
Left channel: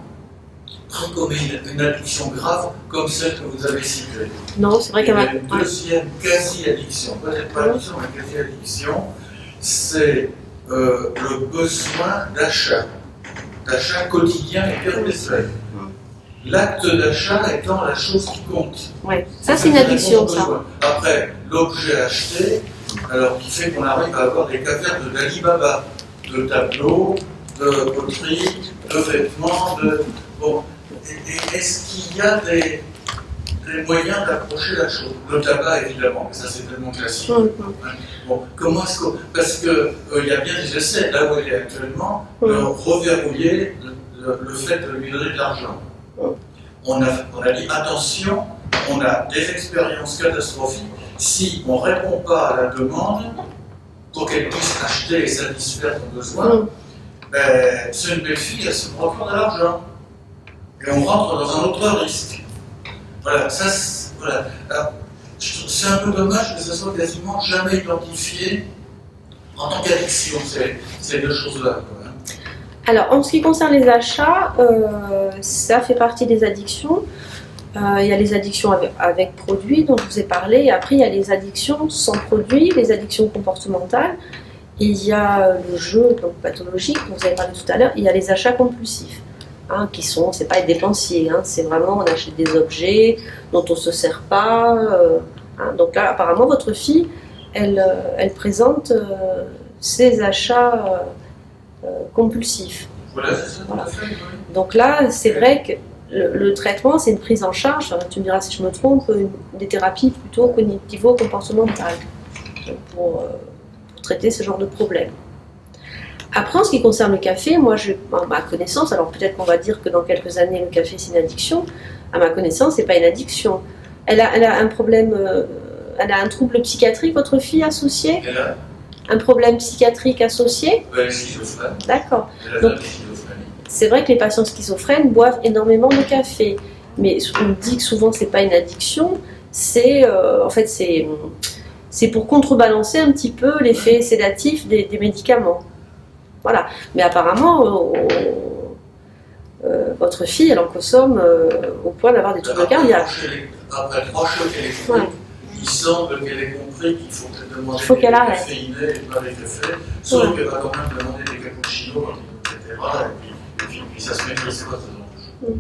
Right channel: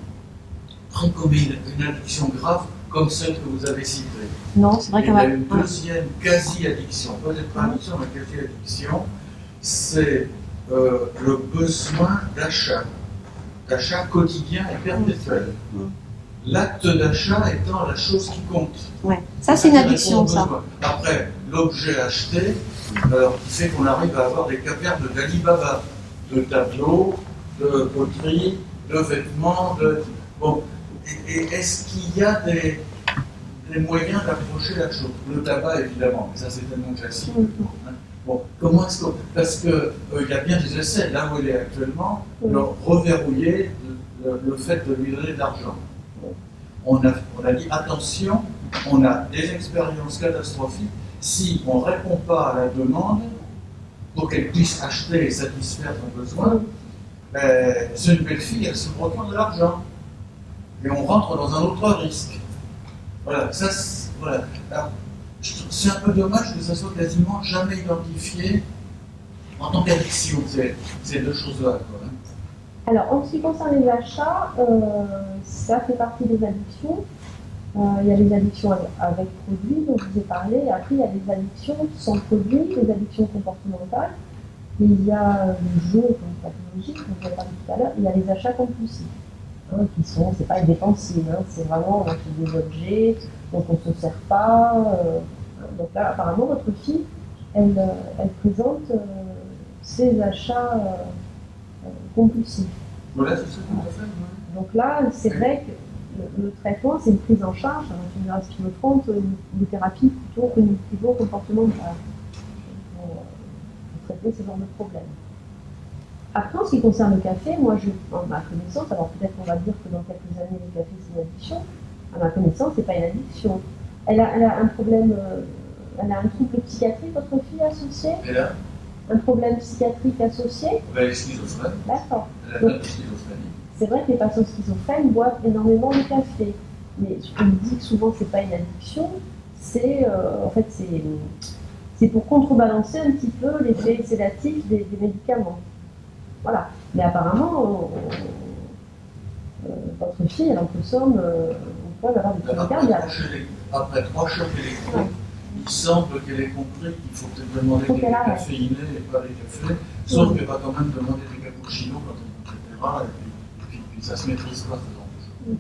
pris comme une addiction grave comme celle que vous avez citée. Non, c'est vrai qu'il y a a une deuxième quasi-addiction, peut-être pas addiction, mais quasi-addiction, c'est le besoin d'achat quotidien et perpétuel. L'acte d'achat étant la chose qui compte. Ouais. Ça, c'est une addiction, ça. Après, l'objet acheté, alors qui fait qu'on arrive à avoir des cavernes d'Alibaba, de tableaux, de poteries, de vêtements, Bon. Et est-ce qu'il y a des moyens d'approcher la chose? Le tabac, évidemment, ça c'est tellement classique. Bon, comment est-ce que... Parce qu'il y a bien des essais, là où il est actuellement, de reverrouiller le fait de lui donner de l'argent. On a dit attention, on a des expériences catastrophiques. Si on ne répond pas à la demande pour qu'elle puisse acheter et satisfaire son besoin, c'est une belle fille, elle se procure de l'argent. Et on rentre dans un autre risque. Voilà, voilà. Alors, c'est un peu dommage que ça soit quasiment jamais identifié en tant qu'addiction, ces deux choses-là. Alors, en ce qui concerne les achats, ça fait partie des addictions. Il y a les addictions avec produits dont je vous ai parlé, et après il y a les addictions sans produits, les addictions comportementales. Il y a le jeu donc pathologique, dont vous avez parlé tout à l'heure, il y a les achats compulsifs. Qui sont, c'est pas être dépensier, c'est vraiment on achète des objets dont on se sert pas. Donc là, apparemment, votre fille, elle présente ses achats compulsifs. Voilà, c'est ça. Voilà. Donc là, c'est vrai que le traitement, c'est une prise en charge, tu me diras si je me trompe, des thérapies plutôt cognitivo-comportementales pour traiter ce genre de problème. Après, en ce qui concerne le café, moi, à ma connaissance, alors peut-être qu'on va dire que dans quelques années, le café, c'est une addiction. À ma connaissance, c'est pas une addiction. Elle a un problème, elle a un trouble psychiatrique, votre fille, associé? Elle a un problème psychiatrique associé? Elle est schizophrène. D'accord. Elle a de la schizophrénie. C'est vrai que les patients schizophrènes boivent énormément de café. Mais on dit que souvent, c'est pas une addiction. En fait, c'est c'est pour contrebalancer un petit peu l'effet sédatif des médicaments. Voilà. Mais apparemment, votre fille, elle en consomme au point d'avoir des troubles cardiaques. Après 3 chocs électriques, Ouais. il semble qu'elle ait compris qu'il faut peut-être demander Il faut qu'elle des arrête. caféinés et pas des cafés, sauf qu'elle va quand même demander des cappuccinos, etc. Et puis ça se maîtrise pas, ce genre de choses.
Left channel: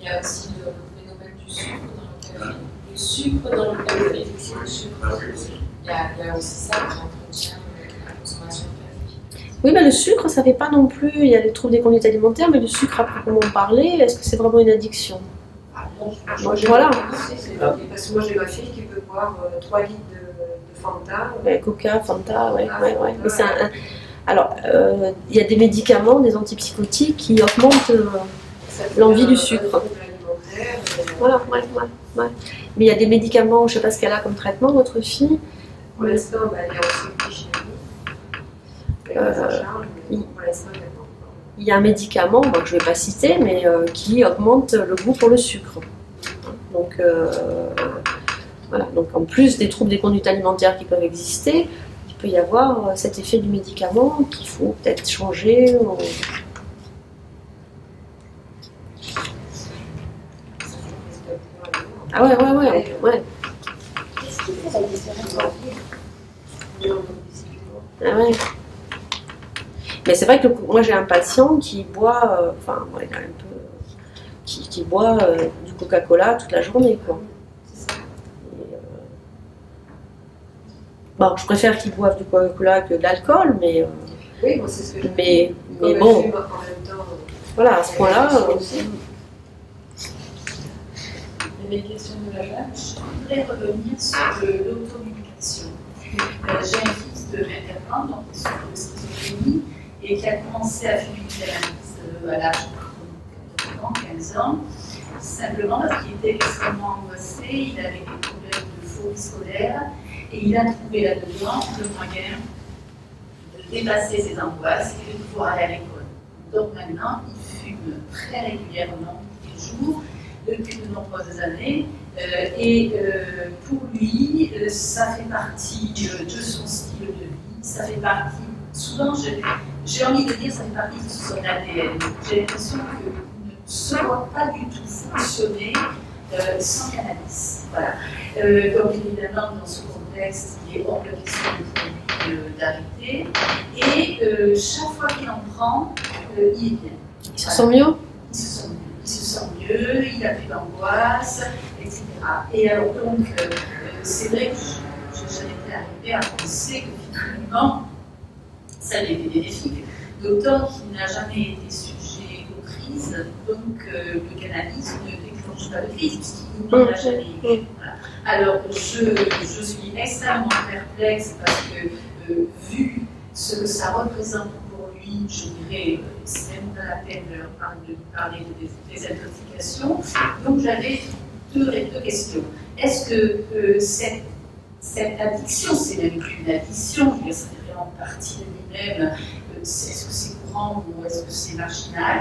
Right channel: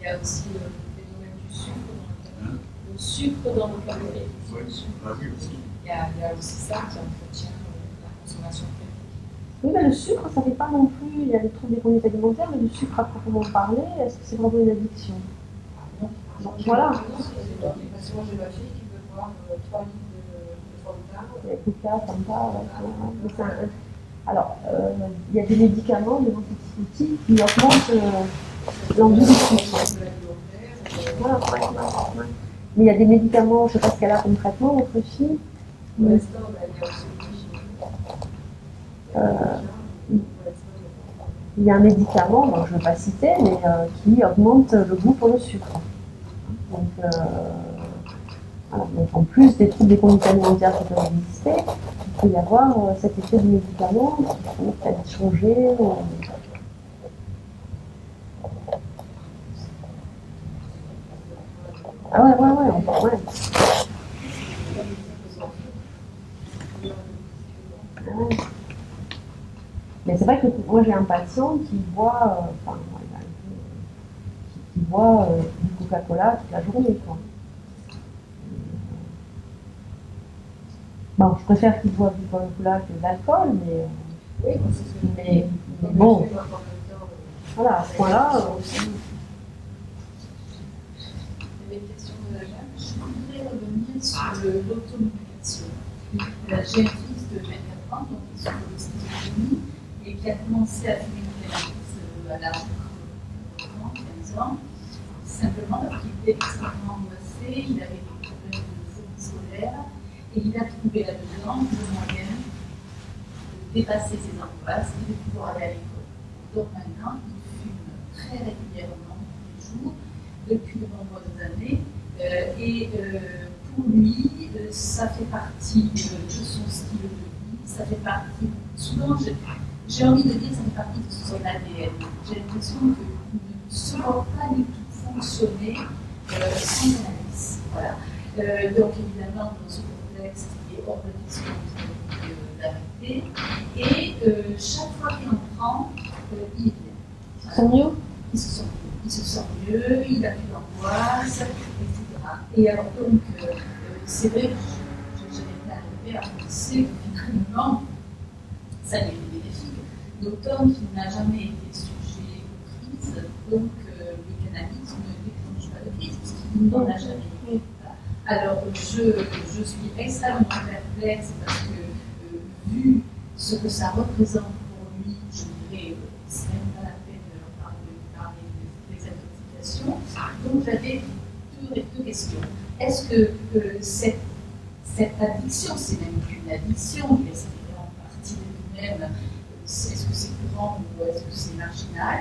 Il y a aussi le phénomène du sucre dans le café. Le sucre dans le café, effectivement, le sucre. Ah oui, aussi. Il y a aussi ça qui entretient la consommation de café. Oui, mais le sucre, ça fait pas non plus. Il y a les troubles des conduites alimentaires, mais le sucre à proprement parler, est-ce que c'est vraiment une addiction? Moi, j'ai Voilà. Parce que moi, j'ai ma fille qui peut boire 3 litres de Fanta. Coca, Fanta, ouais. Mais c'est alors, il y a des médicaments, des antipsychotiques qui augmentent l'envie du sucre. Voilà, ouais. Mais il y a des médicaments, je ne sais pas ce qu'elle a comme traitement, votre fille. Pour l'instant, elle est en sortie chez nous. Pour l'instant, Il y a un médicament, bon, je ne vais pas citer, mais qui augmente le goût pour le sucre. Donc, voilà. Donc, en plus des troubles des conduites alimentaires qui peuvent exister, il peut y avoir cet effet du médicament qu'il faut peut-être changer. Ah ouais. Qu'est-ce qui fait la différence? Ah ouais. Mais c'est vrai que moi j'ai un patient qui boit, il a un peu, qui boit du Coca-Cola toute la journée, quoi. Et, bon, je préfère qu'il boive du Coca-Cola que de l'alcool, mais oui, moi, c'est ce que je mais Comme bon, elle fume en même temps, voilà, à ce point-là, Les questions de la dame. Je voudrais revenir sur l'automédication. J'ai un fils de 24 ans, donc il souffre de schizophrénie, et qui a commencé à fumer du cannabis à l'âge de 15 ans, simplement parce qu'il était extrêmement angoissé, il avait des problèmes de phobie scolaire, et il a trouvé là-dedans le moyen de dépasser ses angoisses et de pouvoir aller à l'école. Donc maintenant, il fume très régulièrement, tous les jours, depuis de nombreuses années. Pour lui, ça fait partie de son style de vie, ça fait partie, souvent j'ai envie de dire, ça fait partie de son ADN. J'ai l'impression qu'il ne se voit pas du tout fonctionner sans cannabis. Voilà. Donc évidemment, dans ce contexte, il est hors de question pour lui d'arrêter. Et chaque fois qu'il en prend, il est bien. il se sent mieux. Il se sent mieux, il n'a plus d'angoisse, etc. Et alors donc, c'est vrai que j'en étais arrivée à penser que finalement, ça avait été bénéfique, d'autant qu'il n'a jamais été sujet aux crises, donc le cannabis ne déclenche pas de crise, puisqu'il n'en a jamais eu. Voilà. Alors je suis extrêmement perplexe parce que vu ce que ça représente pour lui, je dirais, c'est même pas la peine de parler de désintoxication. Donc j'avais deux questions. Est-ce que cette addiction, c'est même plus une addiction, je veux dire, ça fait vraiment partie de lui-même, est-ce que c'est courant ou est-ce que c'est marginal?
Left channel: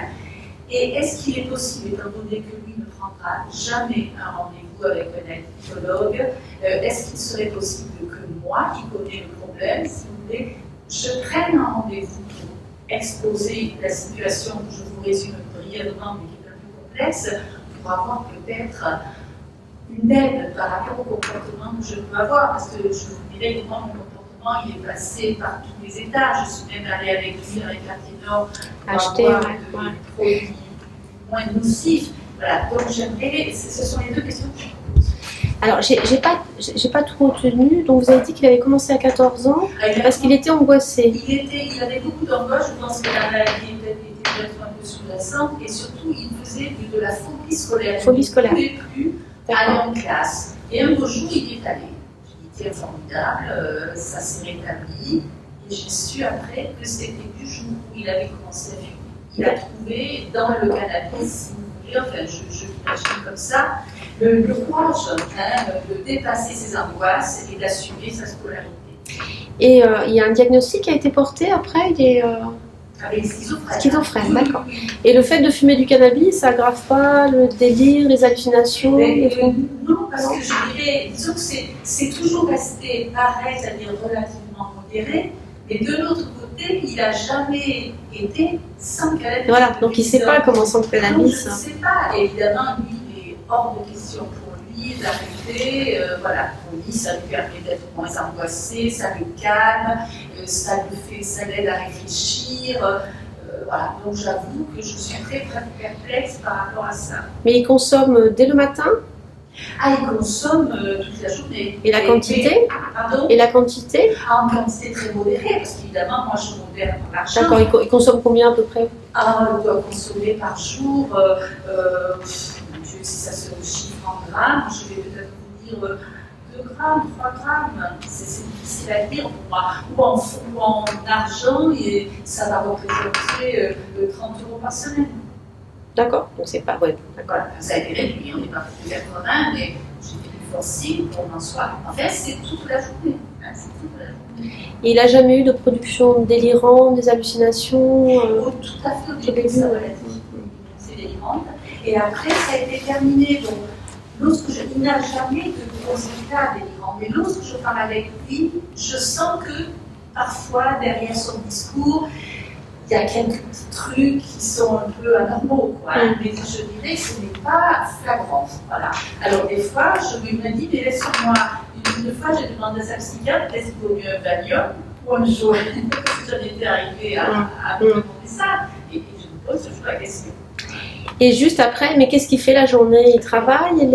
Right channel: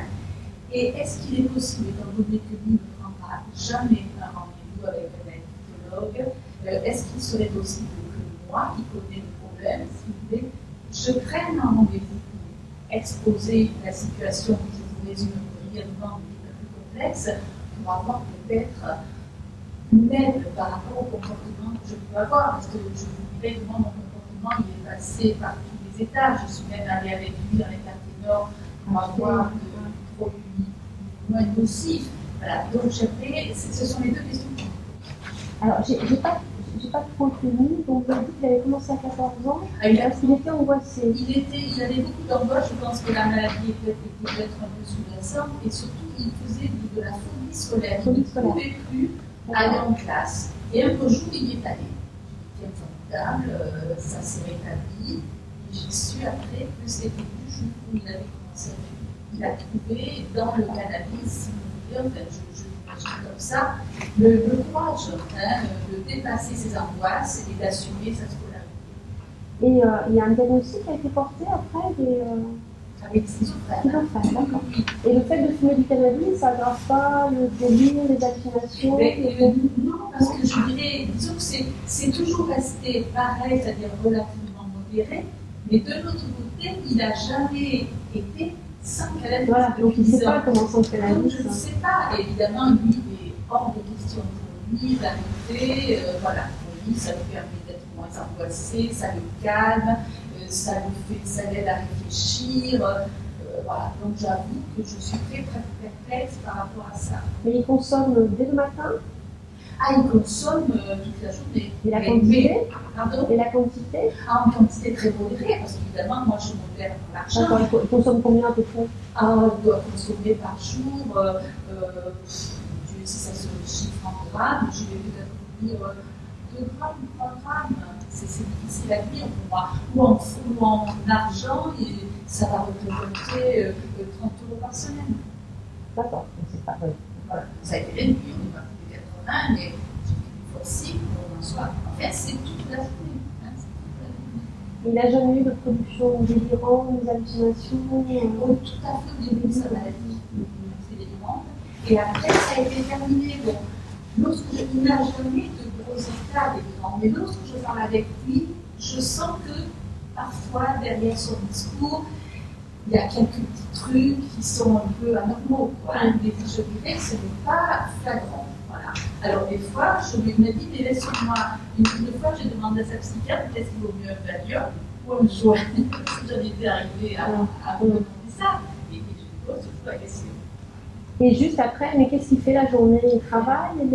Et est-ce qu'il est possible, étant donné que lui ne prendra jamais un rendez-vous avec un addictologue, est-ce qu'il serait possible que moi, qui connais le problème, si vous voulez, je prenne un rendez-vous pour exposer la situation que je vous résume brièvement, mais qui est un peu complexe, pour avoir peut-être une aide par rapport au comportement que je peux avoir, parce que je vous dirais que moi, mon comportement, il est passé par tous les étages. Je suis même allée avec lui dans les quartiers nord pour Acheter, avoir ouais. des produits moins nocifs. Voilà, donc j'aimerais, ce sont les deux questions que je me pose. Alors, j'ai pas tout retenu. Donc, vous avez dit qu'il avait commencé à 14 ans parce qu'il était angoissé. Il avait beaucoup d'angoisse, je pense que la maladie était peut-être un peu sous-jacente, et surtout, il faisait de la phobie scolaire. Phobie scolaire. Il ne pouvait plus aller en classe. Et un beau jour, il est allé. J'ai dit, tiens, formidable, ça s'est rétabli. Et j'ai su après que c'était du jour où il avait commencé à fumer. Il a trouvé dans le cannabis, si vous voulez, enfin, je l'imagine comme ça, le courage de dépasser ses angoisses et d'assumer sa scolarité. Et il y a un diagnostic qui a été porté après. avec schizophrène. Schizophrène, d'accord. Et le fait de fumer du cannabis, ça aggrave pas le délire, les hallucinations Non, parce que je dirais, disons que c'est toujours resté pareil, c'est-à-dire relativement modéré, mais de l'autre côté, il n'a jamais été sans cannabis. Voilà, donc il ne sait pas comment sans le Donc, cannabis. je ne sais pas, évidemment, lui, il est hors de question pour lui d'arrêter. Voilà, pour lui, ça lui permet d'être moins angoissé, ça le calme, ça l'aide à réfléchir. Voilà, donc j'avoue que je suis très perplexe par rapport à ça. Mais il consomme dès le matin? Ah, il consomme toute la journée. Et la quantité? Pardon? Et la quantité? Ah, en quantité très modérée, parce qu'évidemment, moi je modère par l'argent. D'accord, il consomme combien à peu près? Ah, on doit consommer par jour, mon Dieu, si ça se chiffre en grammes, je vais peut-être vous dire 2 grammes, 3 grammes, c'est difficile à dire pour moi. Ou en argent, et ça va représenter 30 € par semaine. D'accord, donc c'est pas... Ouais, d'accord. Voilà, ça a été réduit, on est parti de 80, mais j'ai fait du forcing pour m'en soit. En fait, c'est toute la journée. Hein, c'est toute la journée. Et il n'a jamais eu de production délirante, des hallucinations Oh, tout à fait au début, ça va être c'est délirante. Et après, ça a été terminé. Donc, il n'a jamais de gros états délirants. Mais lorsque je parle avec lui, je sens que parfois, derrière son discours, il y a quelques petits trucs qui sont un peu anormaux, quoi. Mais je dirais que ce n'est pas flagrant. Voilà. Alors, des fois, il m'a dit, mais laisse-moi. Une fois, j'ai demandé à sa psychiatre, est-ce qu'il vaut mieux un Valium ou un joint? Parce que j'en étais arrivée à me demander ça. Et je me pose toujours la question. Et juste après, mais qu'est-ce qu'il fait la journée? Il travaille?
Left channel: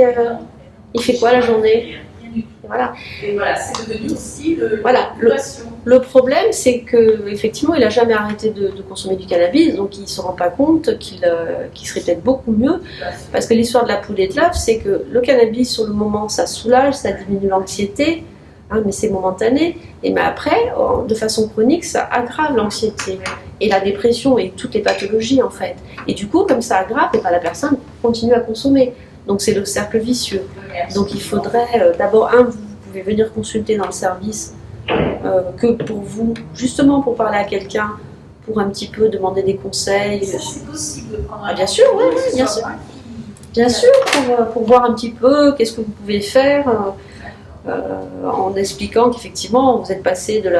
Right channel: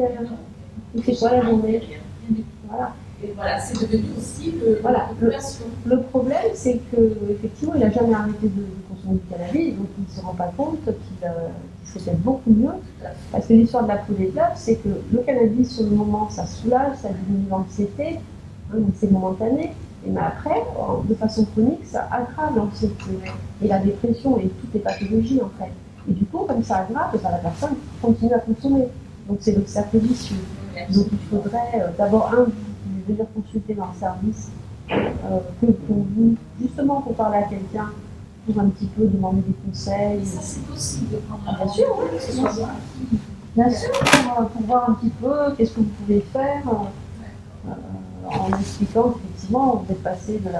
Il fait quoi la journée? Rien du tout. Voilà. Et voilà, c'est devenu aussi Voilà, l'occupation. Le problème, c'est qu'effectivement, il n'a jamais arrêté de consommer du cannabis, donc il ne se rend pas compte qu'il serait peut-être beaucoup mieux. Parce que l'histoire de la poule et de l'œuf, c'est que le cannabis, sur le moment, ça soulage, ça diminue l'anxiété, hein, mais c'est momentané. Mais après, de façon chronique, ça aggrave l'anxiété et la dépression et toutes les pathologies, en fait. Et du coup, comme ça aggrave, et ben, la personne continue à consommer. Donc c'est le cercle vicieux. Donc il faudrait d'abord, vous pouvez venir consulter dans le service que pour vous, justement pour parler à quelqu'un, pour un petit peu demander des conseils. Ça, c'est possible de prendre un Bien sûr, oui, rendez-vous, bien ce sûr. soit moi qui- Bien sûr, pour voir un petit peu qu'est-ce que vous pouvez faire, en expliquant qu'effectivement vous êtes passé de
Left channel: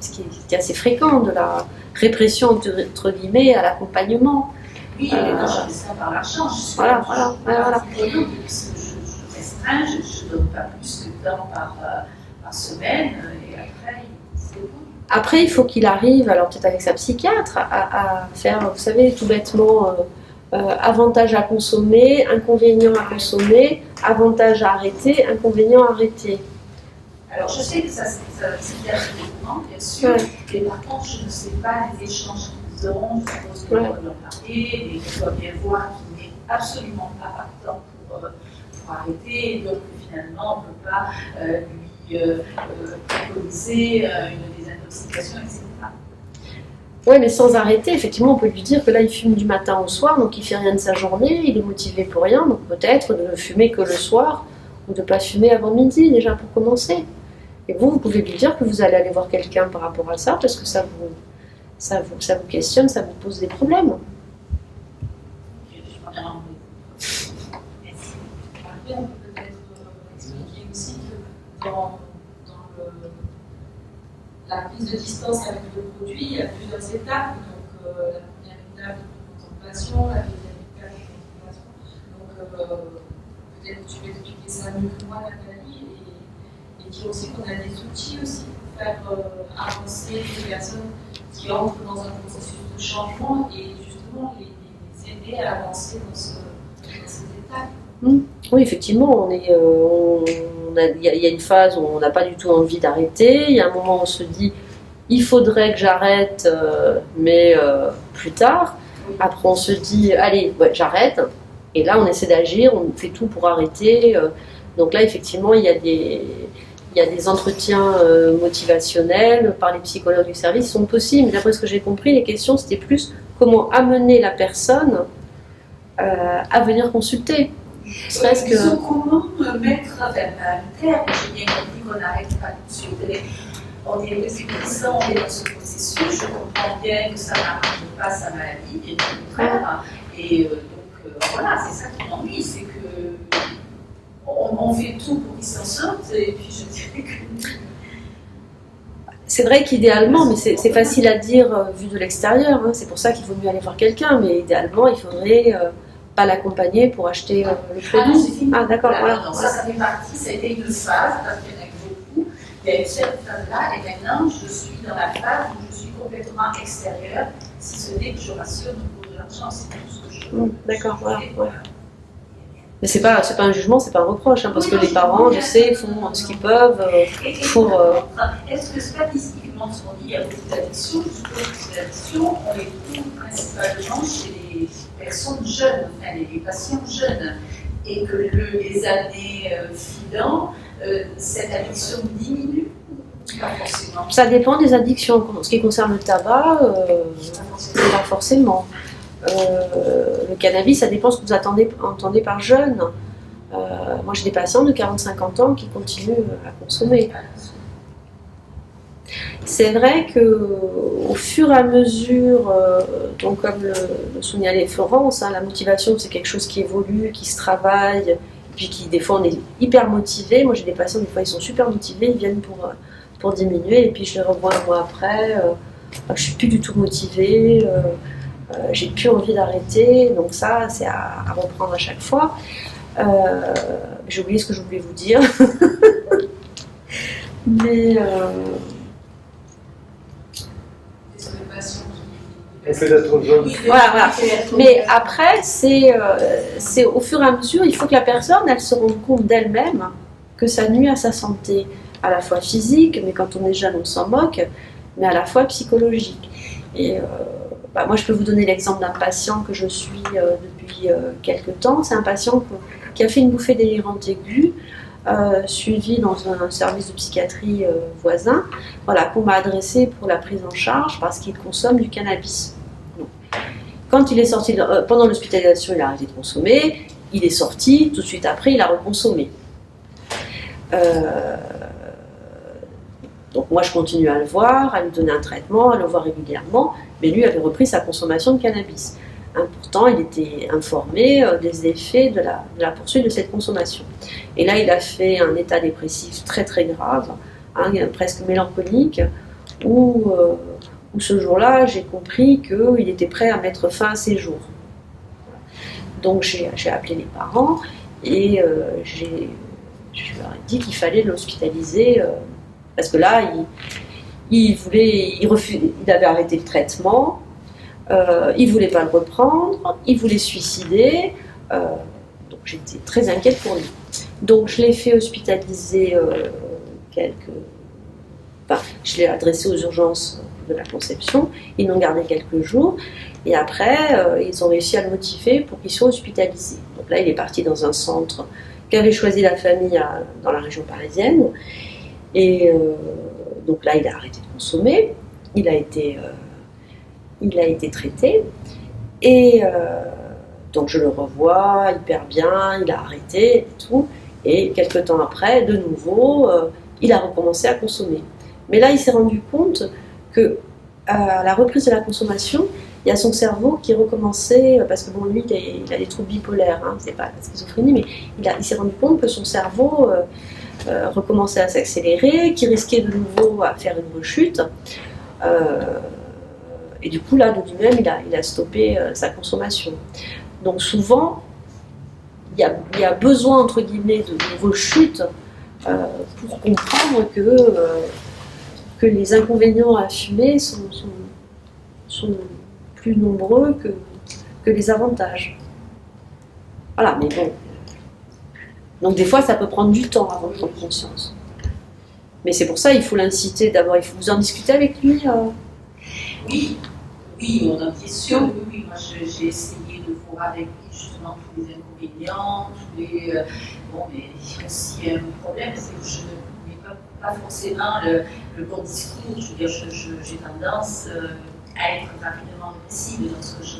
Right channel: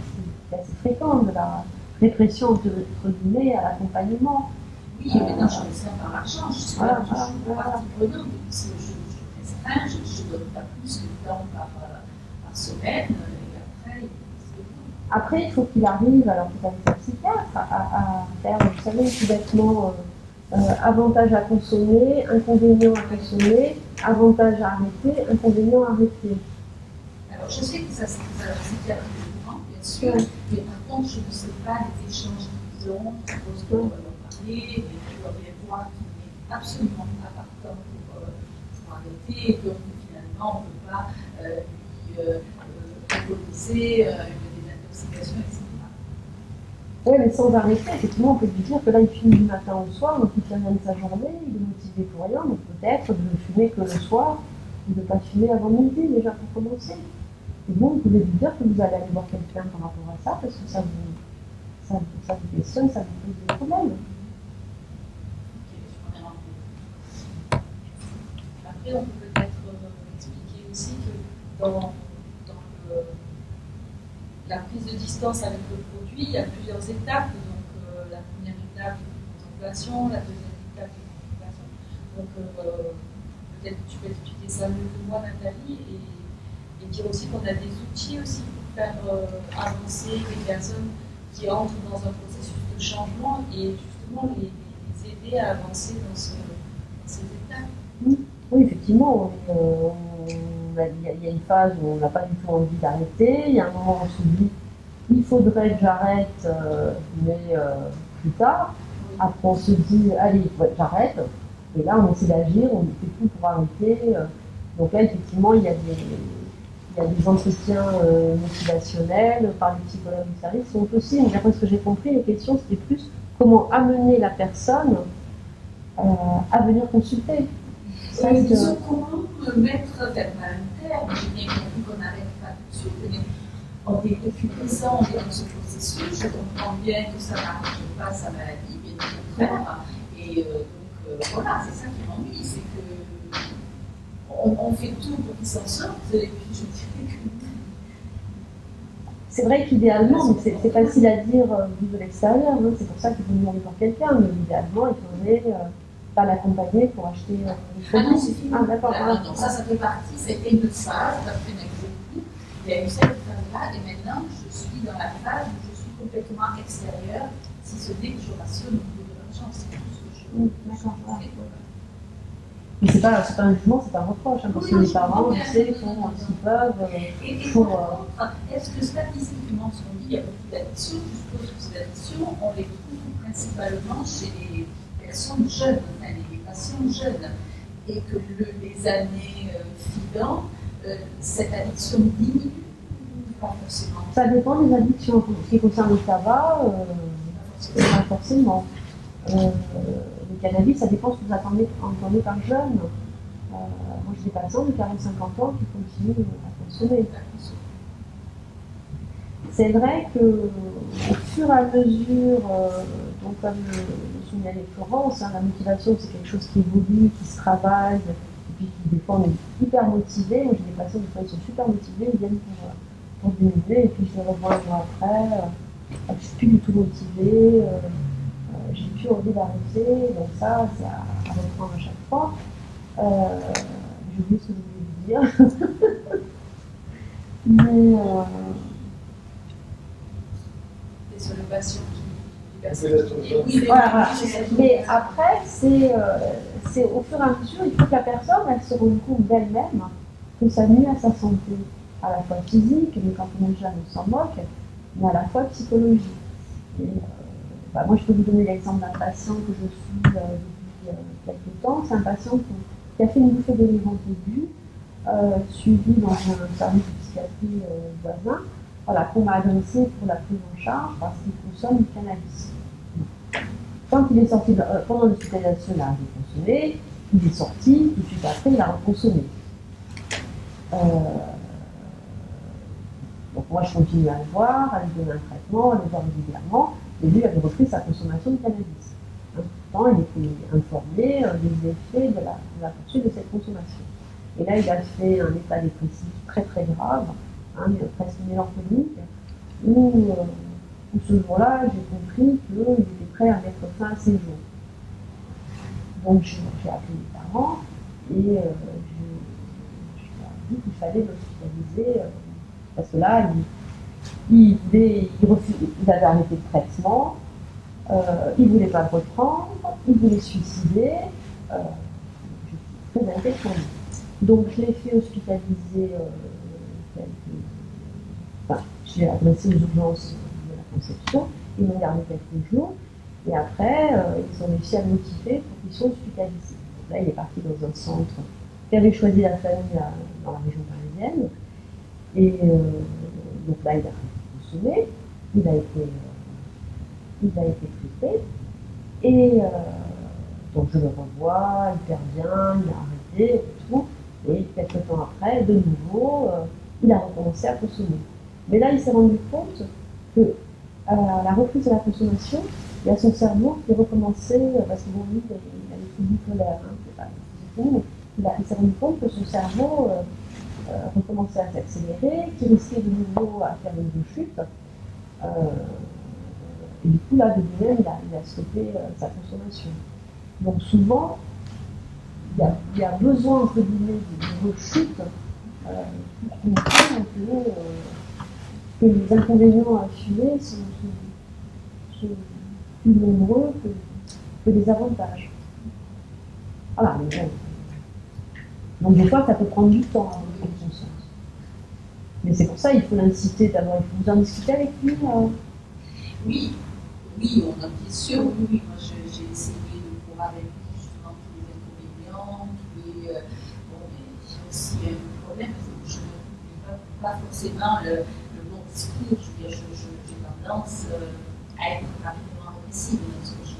ce qui est assez fréquent, de la répression entre guillemets à l'accompagnement. Oui, mais non, je fais ça par l'argent. Je suis Voilà, là, voilà, je suis voilà. prenante, puisque je restreins, je ne donne pas plus de temps par semaine, et après, c'est bon. Après, il faut qu'il arrive, alors peut-être avec sa psychiatre, à faire, vous savez, tout bêtement, avantage à consommer, inconvénient à consommer, avantage à arrêter, inconvénient à arrêter. Alors, je sais que ça c'est bien courant, bien sûr, Ouais. mais par contre, je ne sais pas les échanges qu'ils ont, je suppose qu'on Ouais. doit leur parler, mais qu'on doit bien voir qu'il n'est absolument pas partant pour arrêter, et donc finalement, on ne peut pas lui préconiser une désintoxication, etc. Ouais, mais sans arrêter, effectivement, on peut lui dire que là, il fume du matin au soir, donc il fait rien de sa journée, il est motivé pour rien, donc peut-être de ne fumer que le soir, ou de ne pas fumer avant midi, déjà pour commencer. Et vous pouvez lui dire que vous allez aller voir quelqu'un par rapport à ça, parce que ça vous questionne, ça vous pose des problèmes. Ok, je m'en ai rendu. Merci. Après, on peut peut-être expliquer aussi que dans la prise de distance avec le produit, il y a plusieurs étapes. Donc, la première étape de contemplation, la deuxième étape de contemplation. Donc, peut-être que tu peux expliquer ça mieux que moi, Nathalie, et dire aussi qu'on a des outils aussi pour faire avancer les personnes qui entrent dans un processus de changement et justement les aider à avancer dans ces étapes. Oui, effectivement, il y a une phase où on n'a pas du tout envie d'arrêter, il y a un moment où on se dit il faudrait que j'arrête, mais plus tard. Après, on se dit allez, ouais, j'arrête, et là, on essaie d'agir, on fait tout pour arrêter. Donc là, effectivement, il y a des entretiens motivationnels par les psychologues du service qui sont possibles. Mais d'après ce que j'ai compris, les questions, c'était plus comment amener la personne à venir consulter. Serait-ce Disons, comment mettre un terme, j'ai bien compris qu'on n'arrête pas tout de suite, mais on est depuis 10 ans, on est dans ce processus, je comprends bien que ça n'arrange pas sa maladie, et au contraire. Et voilà, c'est ça qui m'ennuie, c'est que on fait tout pour qu'il s'en sorte, et puis je dirais que... C'est vrai qu'idéalement, mais c'est facile à dire vu de l'extérieur, hein, c'est pour ça qu'il vaut mieux aller voir quelqu'un, mais idéalement, il faudrait pas l'accompagner pour acheter le Ah non, produit. c'est fini. Ah d'accord, voilà. Non, ça fait partie, ça a été une phase, parce qu'il y en a eu beaucoup. Il y a une cette phase-là, et maintenant, je suis dans la phase où je suis complètement extérieure, si ce n'est que je rationne au niveau de l'argent, c'est tout ce que je... D'accord, voilà. Ouais. Mais c'est pas un jugement, c'est pas un reproche, hein, parce que les parents, je sais, font ce qu'ils peuvent pour... Est-ce que statistiquement, si on dit à beaucoup d'addictions, je suppose que les addictions, on les trouve principalement chez les personnes jeunes, enfin les patients jeunes, et que les années filant, cette addiction diminue? Pas forcément. Ça dépend des addictions. En ce qui concerne le tabac, pas forcément. Le cannabis, ça dépend ce que vous entendez par jeune. Moi, j'ai des patients de 40-50 ans qui continuent à consommer. C'est vrai qu'au fur et à mesure, donc comme le soulignait Florence, hein, la motivation, c'est quelque chose qui évolue, qui se travaille, et puis qui, des fois, on est hyper motivé. Moi, j'ai des patients, des fois, ils sont super motivés, ils viennent pour diminuer, et puis je les revois un mois après, je suis plus du tout motivée. J'ai plus envie d'arrêter, donc ça, c'est à reprendre à chaque fois. J'ai oublié ce que je voulais vous dire. Mais... Sur les patients Et peut-être jeune. Voilà. Mais après, c'est au fur et à mesure, il faut que la personne, elle se rende compte d'elle-même que ça nuit à sa santé, à la fois physique, mais quand on est jeune, on s'en moque, mais à la fois psychologique. Et moi, je peux vous donner l'exemple d'un patient que je suis depuis quelques temps. C'est un patient qui a fait une bouffée délirante aiguë, suivi dans un service de psychiatrie voisin, voilà, qu'on m'a adressé pour la prise en charge parce qu'il consomme du cannabis. Donc, quand il est sorti, pendant l'hospitalisation, il a arrêté de consommer, il est sorti, tout de suite après, il a reconsommé. Donc moi, je continue à le voir, à lui donner un traitement, à le voir régulièrement, mais lui avait repris sa consommation de cannabis. Hein, pourtant, il était informé des effets de la poursuite de cette consommation. Et là, il a fait un état dépressif très très grave, hein, presque mélancolique, où ce jour-là, j'ai compris qu'il était prêt à mettre fin à ses jours. Donc j'ai appelé les parents et je leur ai dit qu'il fallait l'hospitaliser, parce que là, il avait arrêté le traitement, il ne voulait pas le reprendre, il voulait se suicider, donc j'étais très inquiète pour lui. Donc je l'ai fait hospitaliser je l'ai adressé aux urgences de la conception, ils l'ont gardé quelques jours, et après ils ont réussi à le motiver pour qu'il soit hospitalisé. Donc là il est parti dans un centre qu'avait choisi la famille dans la région parisienne, et donc là il a arrêté de consommer, il a été traité, et donc je le revois hyper bien, il a arrêté et tout, et quelques temps après, de nouveau, il a recommencé à consommer. Mais là, il s'est rendu compte que à la reprise de la consommation, il y a son cerveau qui recommençait, parce que bon, lui, il a des troubles bipolaires, hein, c'est pas la schizophrénie, mais il s'est rendu compte que son cerveau recommençait à s'accélérer, qu'il risquait de nouveau à faire une rechute. Et du coup, là, de lui-même, il a stoppé sa consommation. Donc souvent, il y a besoin, entre guillemets, de rechutes pour comprendre que les inconvénients à fumer sont plus nombreux que les avantages. Voilà, mais bon. Donc des fois, ça peut prendre du temps avant de prendre conscience. Mais c'est pour ça, il faut l'inciter d'abord, il faut vous en discuter avec lui. Oui, on en question. Oui, moi j'ai essayé de voir avec lui justement tous les inconvénients, bon, mais il y a aussi un problème, c'est que je ne mets pas forcément le bon discours. Je veux dire, j'ai tendance à être rapidement agressive dans ce que je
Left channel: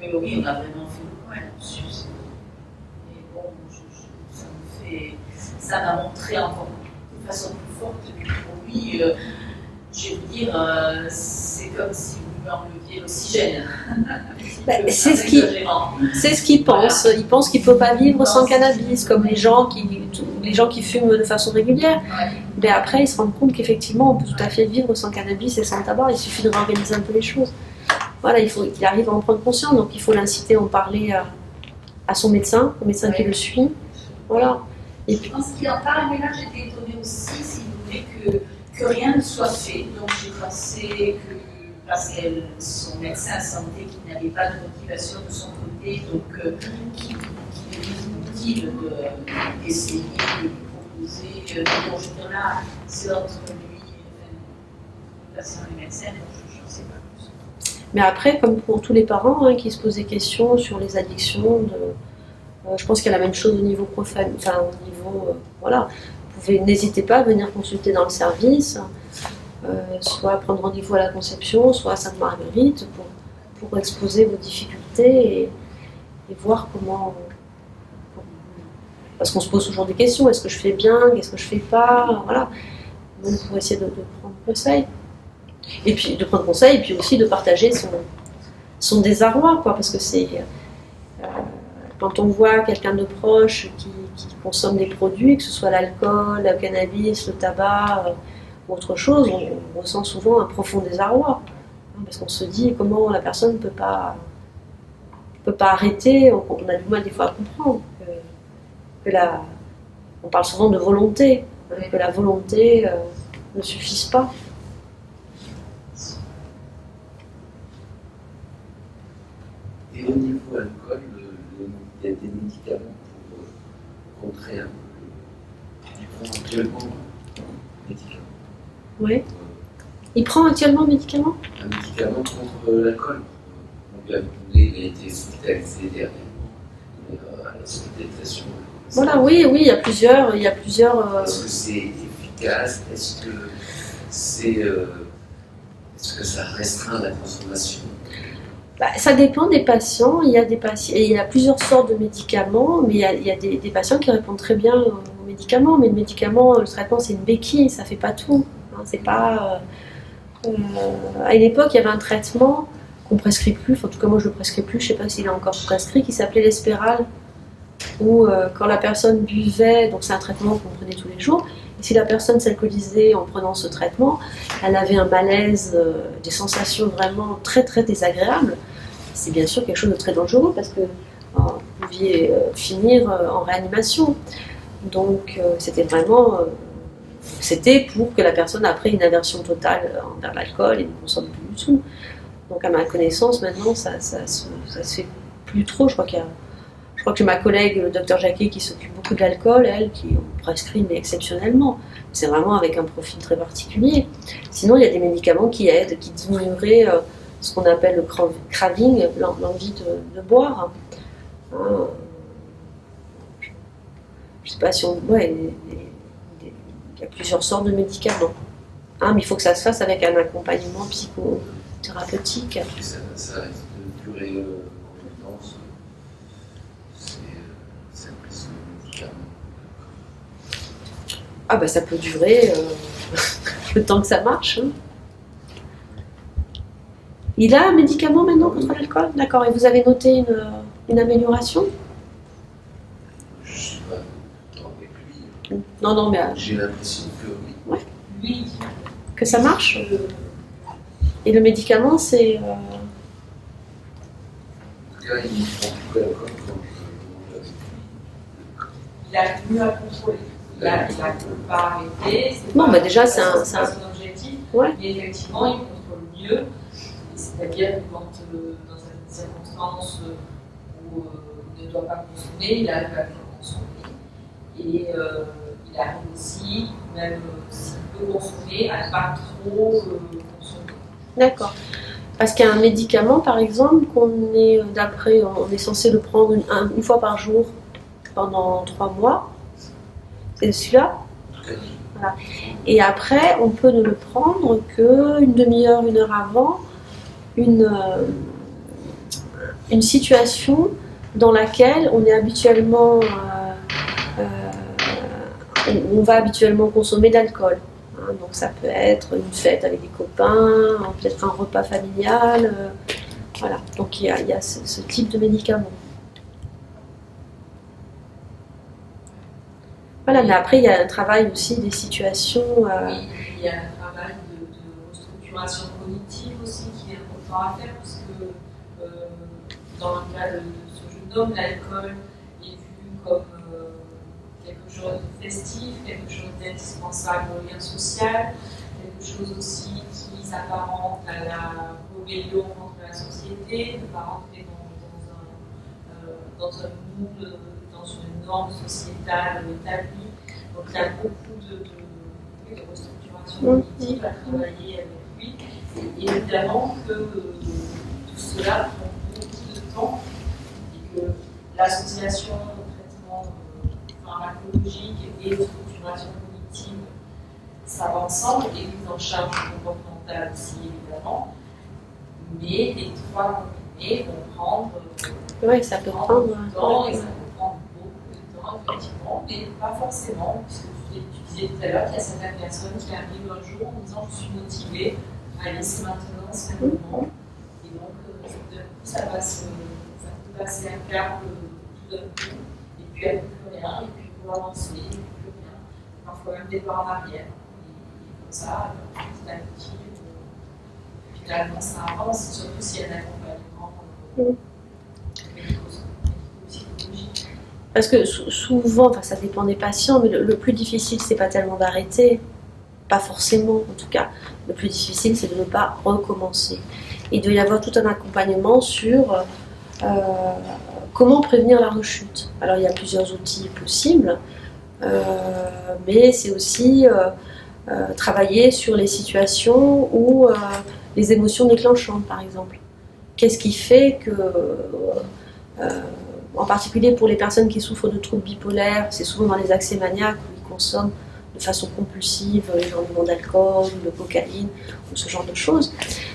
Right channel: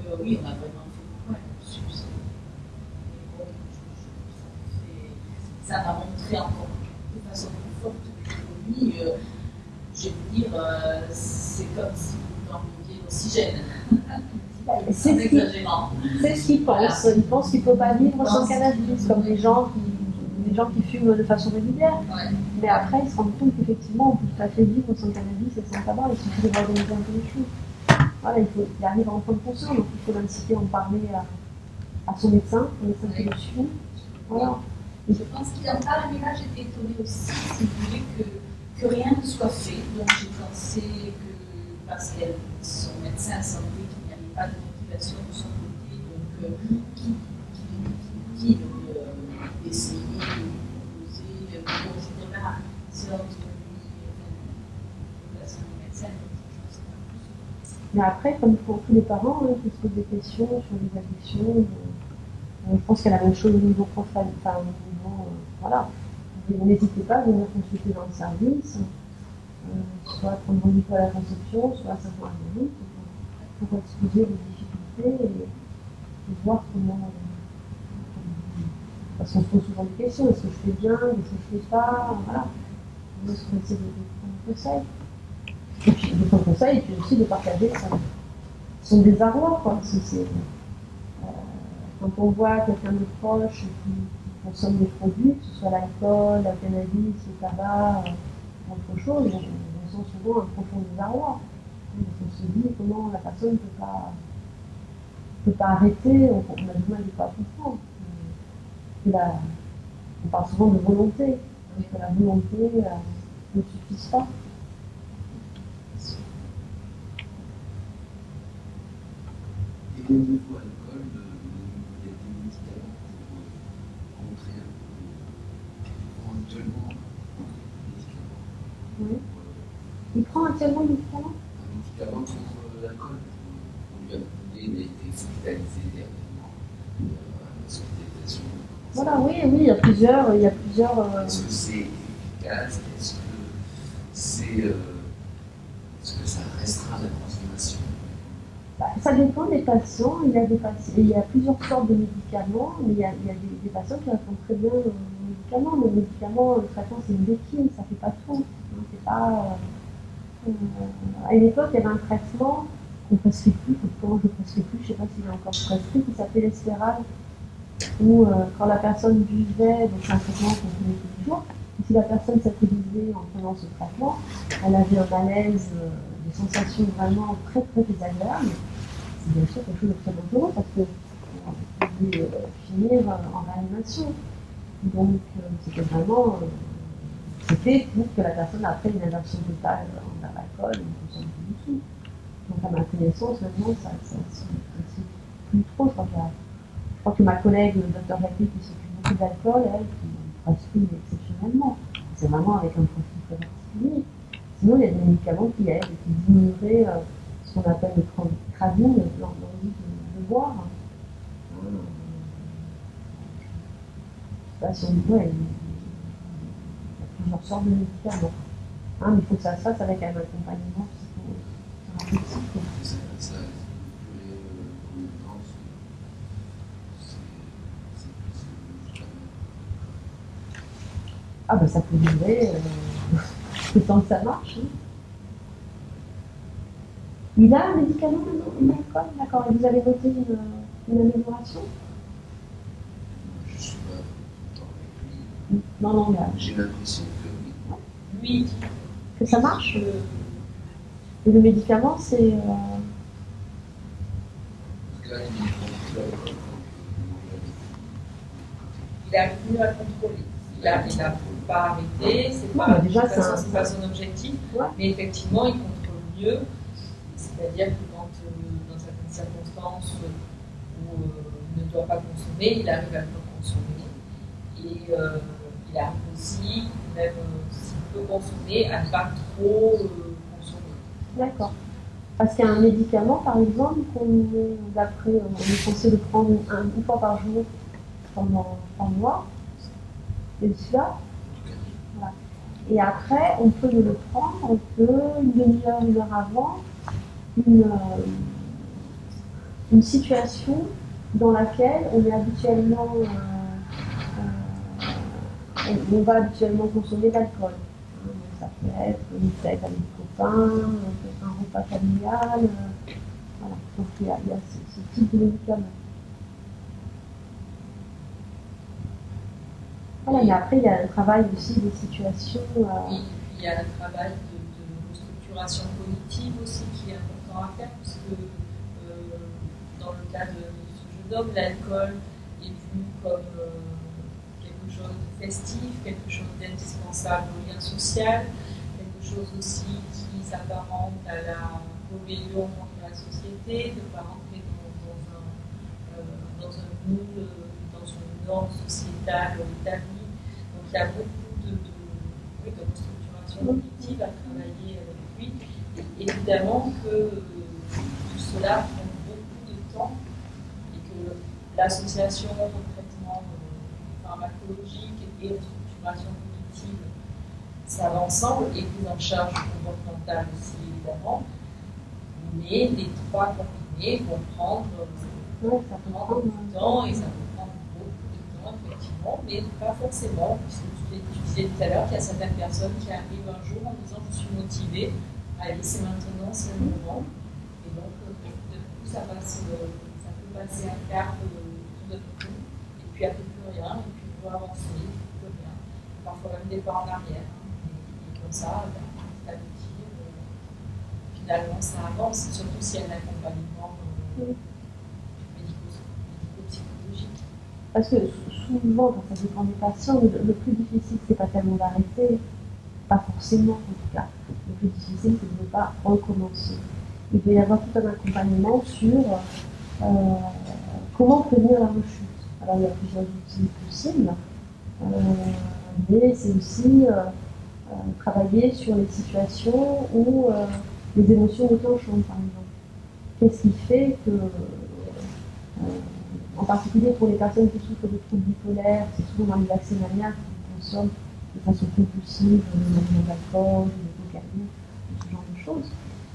donc oui, on a vraiment fait le point là-dessus. Mais bon, ça m'a montré encore de façon plus forte. Pour lui, je vais vous dire, c'est comme si vous lui enleviez l'oxygène. C'est ce qu'il pense. Il pense qu'il ne peut pas vivre sans cannabis, comme les gens qui fument de façon régulière. Mais après, ils se rendent compte qu'effectivement, on peut tout à fait vivre sans cannabis et sans tabac. Il suffit de réorganiser un peu les choses. Voilà, il faut qu'il arrive à en prendre conscience. Donc, il faut l'inciter à en parler à son médecin, au médecin qui le suit. Voilà. Et puis, je pense qu'il en parle, mais là, j'étais étonnée aussi, si vous voulez, que rien ne soit fait. Donc, j'ai pensé que, parce qu'elle, son médecin santé, qui n'avait pas de motivation de son côté, donc qui lui dit d'essayer de lui proposer, bon, je veux dire là, c'est entre lui, le patient et le médecin, donc je ne sais pas plus. Mais après, comme pour tous les parents qui se posent des questions sur les addictions, je pense qu'il y a la même chose au niveau profane, enfin au niveau, voilà. N'hésitez pas à venir consulter dans le service, soit prendre rendez-vous à la Conception, soit à Sainte-Marguerite pour exposer vos difficultés et voir comment. Parce qu'on se pose toujours des questions, est-ce que je fais bien, qu'est-ce que je fais pas, voilà. Donc pour essayer de prendre conseil. Et puis de prendre conseil, et puis aussi de partager son désarroi, quoi, parce que c'est. Quand on voit quelqu'un de proche qui consomme des produits, que ce soit l'alcool, le cannabis, le tabac ou autre chose, on ressent souvent un profond désarroi. Parce qu'on se dit comment la personne ne peut pas arrêter, on a du mal des fois à comprendre on parle souvent de volonté, que la volonté ne suffise pas. Et au niveau alcool, il y a des médicaments pour contrer un peu. Tu prends actuellement un médicament. Oui. Il prend actuellement un médicament ? Un médicament contre l'alcool. Il a été hospitalisé dernièrement à l'hospitalisation. Voilà, oui, il y a plusieurs. Est-ce que c'est efficace? Est-ce que ça restreint la consommation? Ça dépend des patients. Il y a plusieurs sortes de médicaments, mais il y a des patients qui répondent très bien aux médicaments. Mais le traitement, c'est une béquille, ça ne fait pas tout. C'est pas. À une époque, il y avait un traitement qu'on ne prescrit plus. En tout cas, moi, je ne le prescris plus. Je ne sais pas s'il est encore prescrit, qui s'appelait l'Espéral, où quand la personne buvait, donc c'est un traitement qu'on prenait tous les jours. Et si la personne s'alcoolisait en prenant ce traitement, elle avait un malaise, des sensations vraiment très très désagréables. C'est bien sûr quelque chose de très dangereux parce que vous pouviez finir en réanimation. Donc c'était vraiment, c'était pour que la personne après une aversion totale envers l'alcool et ne consomme plus du tout. Donc à ma connaissance maintenant ça se fait plus trop. Je crois que ma collègue, le docteur Jacquet, qui s'occupe beaucoup de l'alcool, elle, qui en prescrit, mais exceptionnellement. C'est vraiment avec un profil très particulier. Sinon, il y a des médicaments qui aident, qui diminueraient ce qu'on appelle le craving, l'envie de boire. Je ne sais pas si on voit, il y a plusieurs sortes de médicaments. Mais il faut que ça se fasse avec un accompagnement psychothérapeutique. Et ça risque de durer combien de temps? Ça peut durer le temps que ça marche. Il a un médicament maintenant contre l'alcool? D'accord. Et vous avez noté une amélioration? Je ne suis pas avec lui. Non, mais... J'ai l'impression que oui. Ouais. Lui, que ça marche? Et le médicament, c'est... En tout cas, il prend plus l'alcool. Il a mieux à contrôler. Il n'a pas arrêté. Déjà, c'est pas son objectif. Ouais. Mais effectivement, il contrôle mieux. C'est-à-dire que quand, dans certaines circonstances où il ne doit pas consommer, il arrive à bien consommer. Et il arrive aussi, même s'il peut consommer, à ne pas trop consommer. D'accord. Parce qu'il y a un médicament, par exemple, on est censé le prendre une fois par jour pendant 3 mois. C'est celui-là. Voilà. Et après, on peut ne le prendre qu'une demi-heure, 1 heure avant une situation dans laquelle on est habituellement où on va habituellement consommer d'alcool. Hein. Donc ça peut être une fête avec des copains, peut-être un repas familial. Voilà, donc il y a ce type de médicaments. Voilà, mais après il y a un travail aussi des situations. Oui, il y a un travail de restructuration cognitive aussi qui est important à faire parce que dans le cas de ce jeune homme, l'alcool est vu comme quelque chose de festif, quelque chose d'indispensable au lien social, quelque chose aussi qui s'apparente à la rébellion contre la société, de ne pas rentrer dans un moule, dans une norme sociétale établie. Donc il y a beaucoup de restructuration cognitive à travailler avec lui. Et évidemment que tout cela prend beaucoup de temps et que l'association de traitement pharmacologique et de structuration cognitive, ça va ensemble, et prise en charge comportementale aussi évidemment. Mais les trois combinés vont prendre Oui, ça peut prendre du temps et ça peut prendre beaucoup de temps, effectivement, mais pas forcément, puisque tu disais tout à l'heure qu'il y a certaines personnes qui arrivent un jour en disant je suis motivée, allez, c'est maintenant, c'est le moment. Et donc, d'un coup, ça peut passer un cap tout d'un coup, et puis après plus rien, et puis il faut avancer, et puis plus rien. Parfois même des pas en arrière. Et comme ça, petit à petit, finalement, ça avance, surtout s'il y a un accompagnement médico-psychologique. Parce que souvent, enfin, ça dépend des patients, mais le plus difficile, c'est pas tellement d'arrêter, pas forcément en tout cas. Le plus difficile, c'est de ne pas recommencer. Et il doit y avoir tout un accompagnement sur comment prévenir la rechute. Alors il y a plusieurs outils possibles, mais c'est aussi travailler sur les situations où les émotions déclenchantes, par exemple. Qu'est-ce qui fait que, en particulier pour les personnes qui souffrent de troubles bipolaires, c'est souvent dans les accès maniaques où ils consomment de façon compulsive énormément d'alcool, de cocaïne, ou ce genre de choses.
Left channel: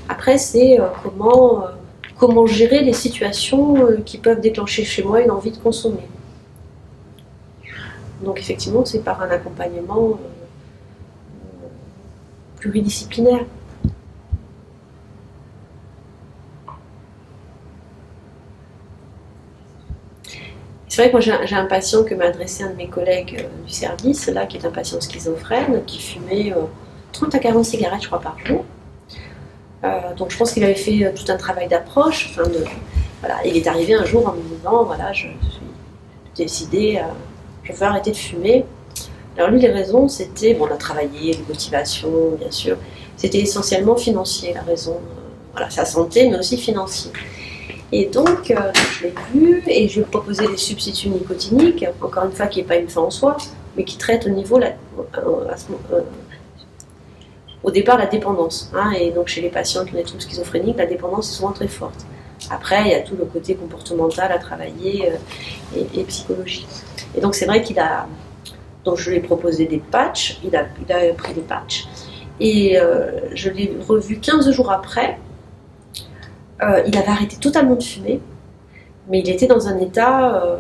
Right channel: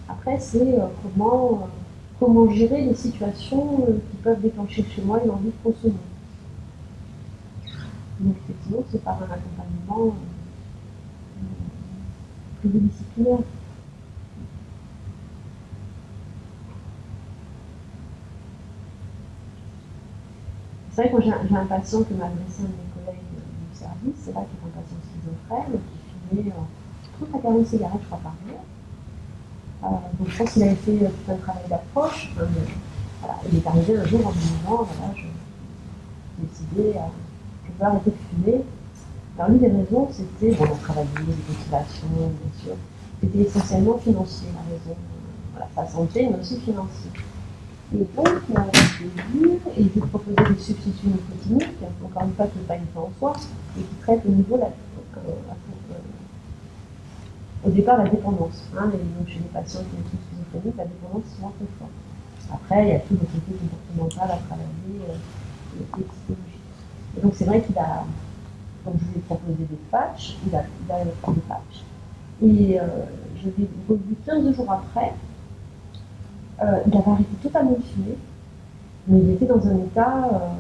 Après, c'est comment gérer les situations qui peuvent déclencher chez moi une envie de consommer. Donc effectivement, c'est par un accompagnement pluridisciplinaire. C'est vrai que moi j'ai un patient que m'a adressé un de mes collègues du service, là, qui est un patient schizophrène, qui fumait 30 à 40 cigarettes, je crois, par jour. Donc je pense qu'il avait fait tout un travail d'approche. Voilà. Il est arrivé un jour en me disant, voilà, je suis décidé, je veux arrêter de fumer. Alors lui, les raisons, c'était, bon, on a travaillé, les motivations, bien sûr, c'était essentiellement financier, la raison, voilà, sa santé, mais aussi financier. Et donc, je l'ai vu et je lui ai proposé des substituts nicotiniques, encore une fois, qui n'est pas une fin en soi, mais qui traite au niveau, au départ, la dépendance. Hein, et donc, chez les patients qui ont des troubles schizophréniques, la dépendance est souvent très forte. Après, il y a tout le côté comportemental à travailler et psychologique. Et donc, c'est vrai donc, je lui ai proposé des patchs, il a pris des patchs, et je l'ai revu 15 jours après. Il avait arrêté totalement de fumer, mais il était dans un état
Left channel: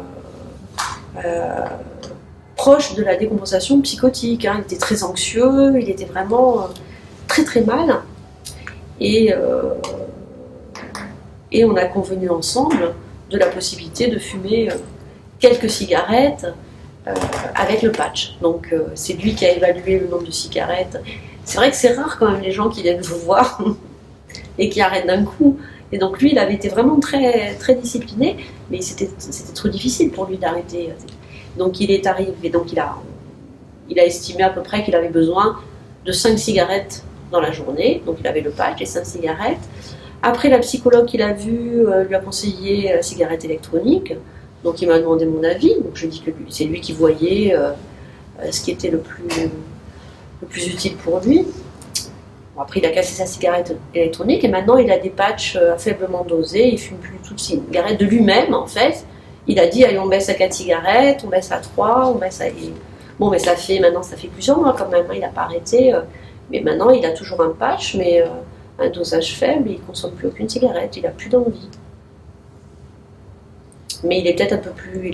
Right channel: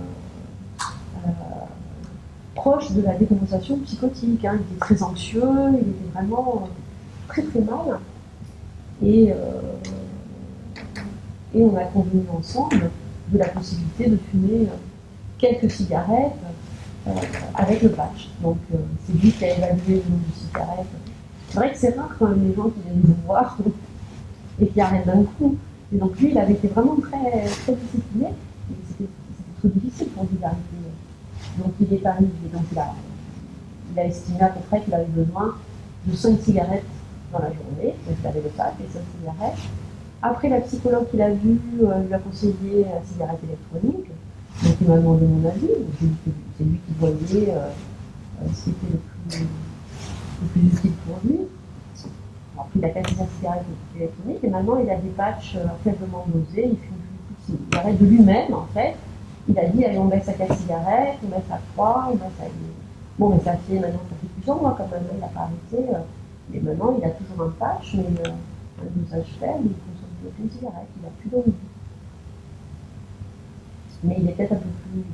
proche de la décompensation psychotique. Hein. Il était très anxieux, il était vraiment très très mal. Et on a convenu ensemble de la possibilité de fumer quelques cigarettes avec le patch. Donc c'est lui qui a évalué le nombre de cigarettes. C'est vrai que c'est rare quand même les gens qui viennent vous voir et qui arrêtent d'un coup. Et donc lui, il avait été vraiment très, très discipliné, mais c'était trop difficile pour lui d'arrêter. Donc il est arrivé, donc il a estimé à peu près qu'il avait besoin de 5 cigarettes dans la journée. Donc il avait le patch et 5 cigarettes. Après, la psychologue qu'il a vue lui a conseillé la cigarette électronique. Donc il m'a demandé mon avis. Donc je lui ai dit que c'est lui qui voyait ce qui était le plus utile pour lui. Après, il a cassé sa cigarette électronique et maintenant il a des patchs faiblement dosés. Il fume plus toute cigarette de lui-même, en fait. Il a dit, allez, on baisse à 4 cigarettes, on baisse à 3, on baisse à... Bon, mais maintenant, ça fait plusieurs mois quand même. Il n'a pas arrêté. Mais maintenant, il a toujours un patch, mais un dosage faible. Il ne consomme plus aucune cigarette. Il n'a plus d'envie. Mais il est peut-être un peu plus...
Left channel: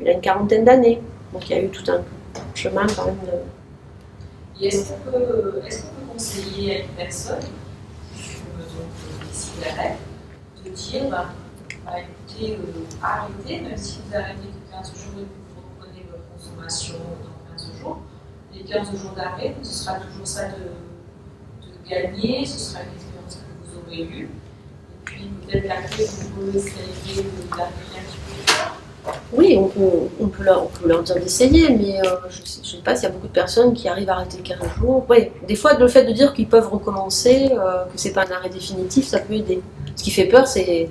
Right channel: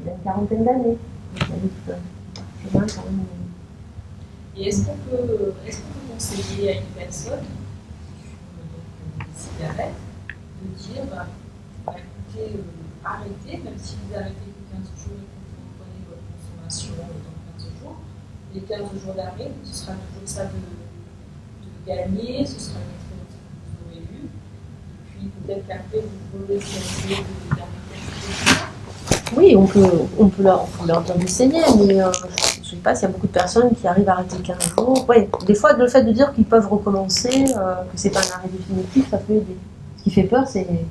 il a une quarantaine d'années. Donc il y a eu tout un chemin quand même de... Et est-ce qu'on peut conseiller à une personne qui fume donc des cigarettes de dire écoutez, arrêtez, même si vous arrêtez que 15 jours et que vous reprenez votre consommation dans 15 jours, les 15 jours d'arrêt, ce sera toujours ça de gagner, ce sera une expérience que vous aurez eue. Et puis peut-être qu'après, vous essayez d'arriver un petit peu. Oui, on peut leur dire d'essayer, mais je ne sais pas s'il y a beaucoup de personnes qui arrivent à arrêter le 15 jours. Oui, des fois, le fait de dire qu'ils peuvent recommencer, que c'est pas un arrêt définitif, ça peut aider. Ce qui fait peur, c'est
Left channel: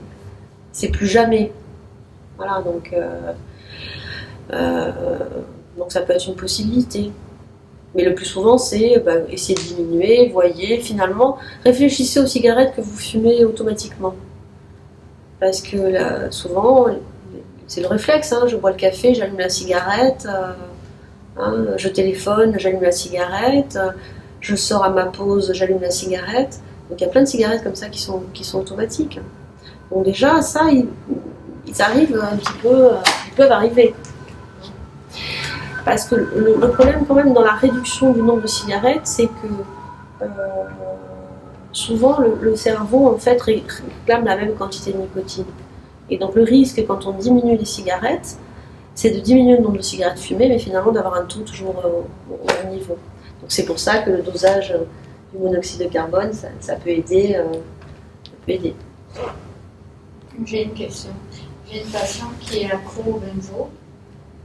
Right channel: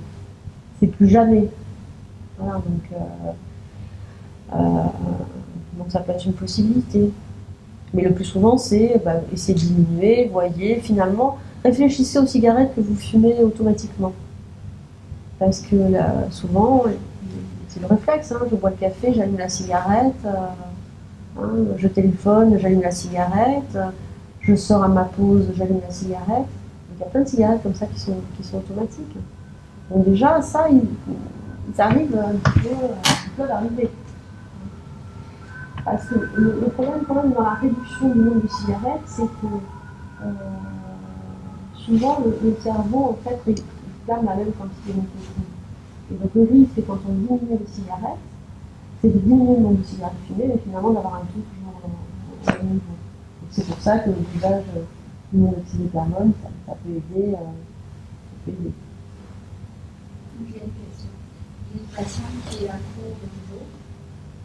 plus jamais. Voilà, donc ça peut être une possibilité. Mais le plus souvent, c'est essayer de diminuer, voyez, finalement, réfléchissez aux cigarettes que vous fumez automatiquement. Parce que là, souvent, c'est le réflexe, hein, je bois le café, j'allume la cigarette, je téléphone, j'allume la cigarette, je sors à ma pause, j'allume la cigarette. Donc il y a plein de cigarettes comme ça qui sont automatiques. Donc déjà, ça, ils arrivent un petit peu, ils peuvent arriver. Parce que le problème quand même dans la réduction du nombre de cigarettes, c'est que souvent le cerveau en fait réclame la même quantité de nicotine. Et donc le risque quand on diminue les cigarettes, c'est de diminuer le nombre de cigarettes fumées, mais finalement d'avoir un taux toujours au même niveau. Donc c'est pour ça que le dosage du monoxyde de carbone, ça peut aider. J'ai une question. J'ai une patiente qui est accro au benzo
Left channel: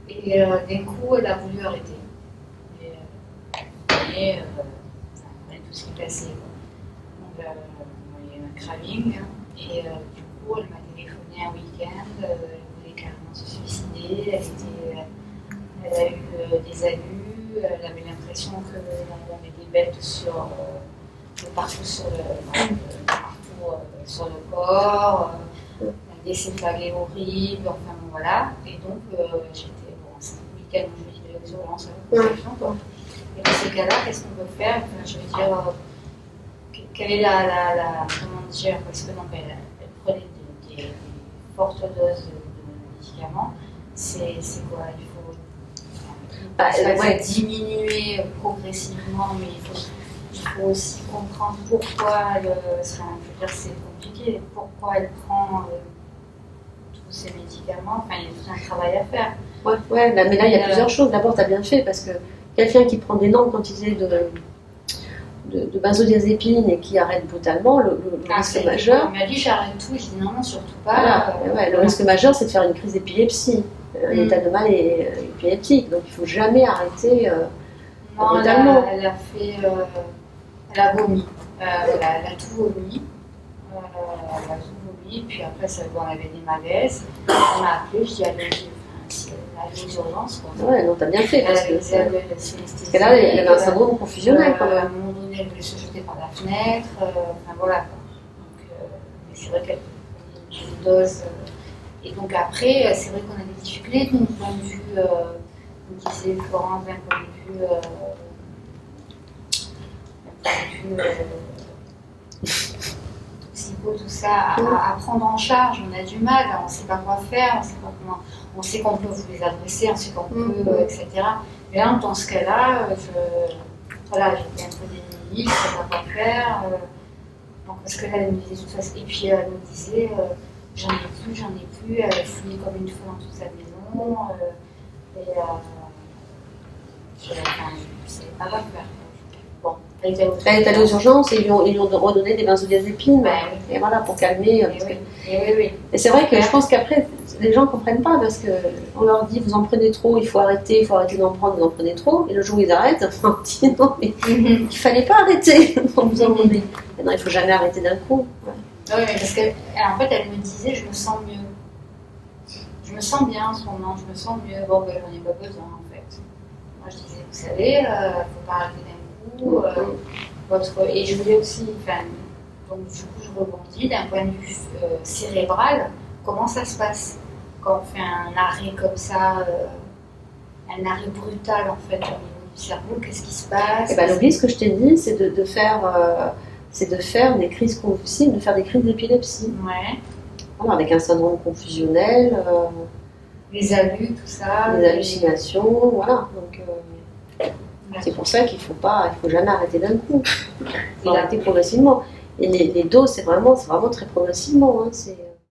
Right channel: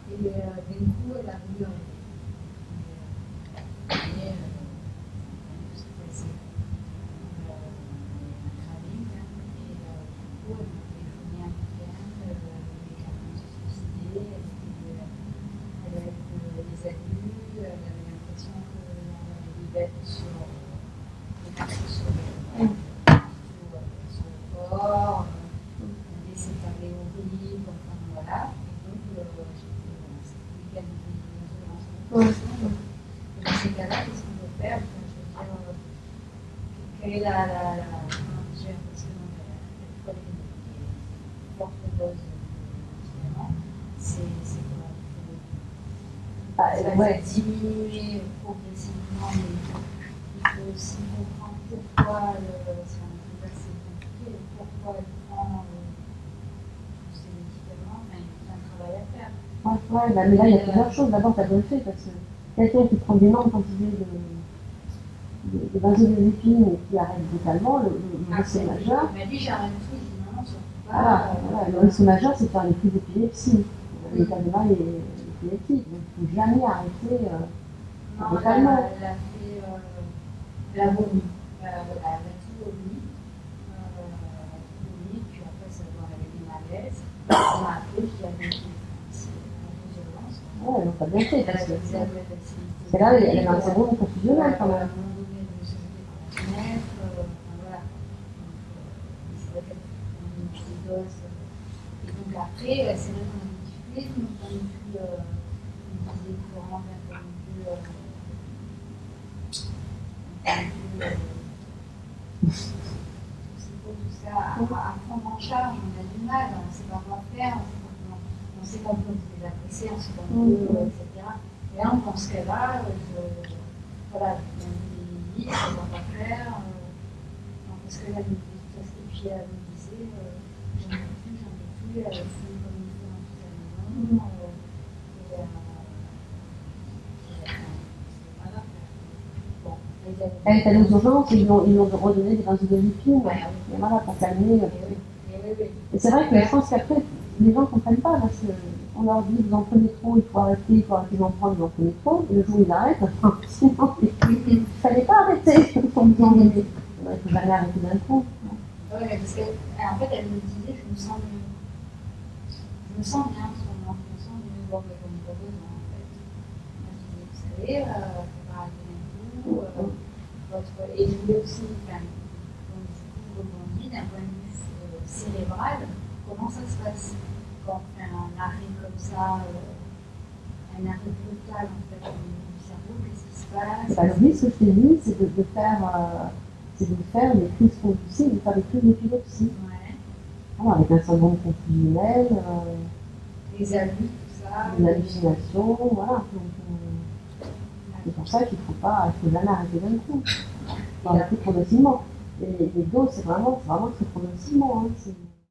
et d'un coup elle a voulu arrêter. Mais tout ce qui passait. Donc, il y a eu un craving et du coup elle m'a téléphoné un week-end, elle voulait carrément se suicider, elle a eu des abus, elle avait l'impression qu'elle avait des bêtes partout sur le corps. Des céphalées horribles, enfin bon, voilà. Et donc, j'étais, c'est un week-end où je vivais aux urgences à la consultation. Et dans ces cas-là, qu'est-ce qu'on peut faire? Enfin, je veux dire, quelle est comment dire, parce que donc, elle prenait des fortes doses de médicaments. C'est quoi? Il faut diminuer progressivement, mais il faut aussi comprendre pourquoi c'est compliqué, pourquoi elle prend ces médicaments, enfin il y a tout un travail à faire. Ouais, mais là il y a plusieurs choses. D'abord, tu as bien fait parce que quelqu'un qui prend d'énormes quantités de benzodiazépines et qui arrête brutalement, le risque majeur. Il m'a dit j'arrête tout, je dis non, surtout pas. Voilà, le risque majeur c'est de faire une crise d'épilepsie, un état de mal épileptique. Donc il ne faut jamais arrêter brutalement. Elle a vomi, elle a tout vomi. Puis après, on avait des malaises. Elle m'a appelé, je dis allez aux urgences. Ouais, non, t'as bien fait. Parce que là, elle avait un syndrome confusionnel quand même. À un moment donné, elle voulait se jeter par la fenêtre. Enfin voilà. Donc, mais c'est vrai qu'elle prenait une petite dose. Et donc après, c'est vrai qu'on a des difficultés d'un point de vue, comme disait Florence, d'un point de vue. Tout ça, à prendre en charge, on a du mal, on ne sait pas quoi faire, on sait qu'on peut vous les adresser, on sait qu'on peut, etc. Mais là, dans ce cas-là, voilà, j'ai un peu des limites, je ne sais pas quoi faire. Donc, parce que là, elle me disait tout ça, et puis elle me disait, j'en ai plus, elle fouillait comme une folle dans toute sa maison, et je ne savais pas quoi faire. Bon, elle est allée aux urgences et ils lui ont redonné des benzodiazépines, et voilà, pour calmer. Et c'est vrai que je pense qu'après, les gens ne comprennent pas parce qu'on leur dit vous en prenez trop, il faut arrêter d'en prendre, vous en prenez trop. Et le jour où ils arrêtent, on leur dit non, mais il ne fallait pas arrêter pour vous en donner. Et non, il ne faut jamais arrêter d'un coup. Oui, mais parce qu'en fait, elle me disait je me sens mieux. Je me sens bien en ce moment, je me sens mieux. Bon, ben, j'en ai pas besoin en fait. Moi, je disais vous savez, il ne faut pas arrêter d'un coup. Et je voulais aussi, donc du coup je rebondis d'un point de vue cérébral, comment ça se passe quand on fait un arrêt comme ça, un arrêt brutal en fait au niveau du cerveau, qu'est-ce qui se passe? Et le risque que je t'ai dit, c'est de faire des crises convulsives, de faire des crises d'épilepsie. Ouais. Voilà, avec un syndrome confusionnel. Les abus, tout ça. les hallucinations, voilà. Donc c'est pour ça qu'il faut jamais arrêter d'un coup. Il faut arrêter progressivement. Et les doses, c'est vraiment très progressivement. Hein.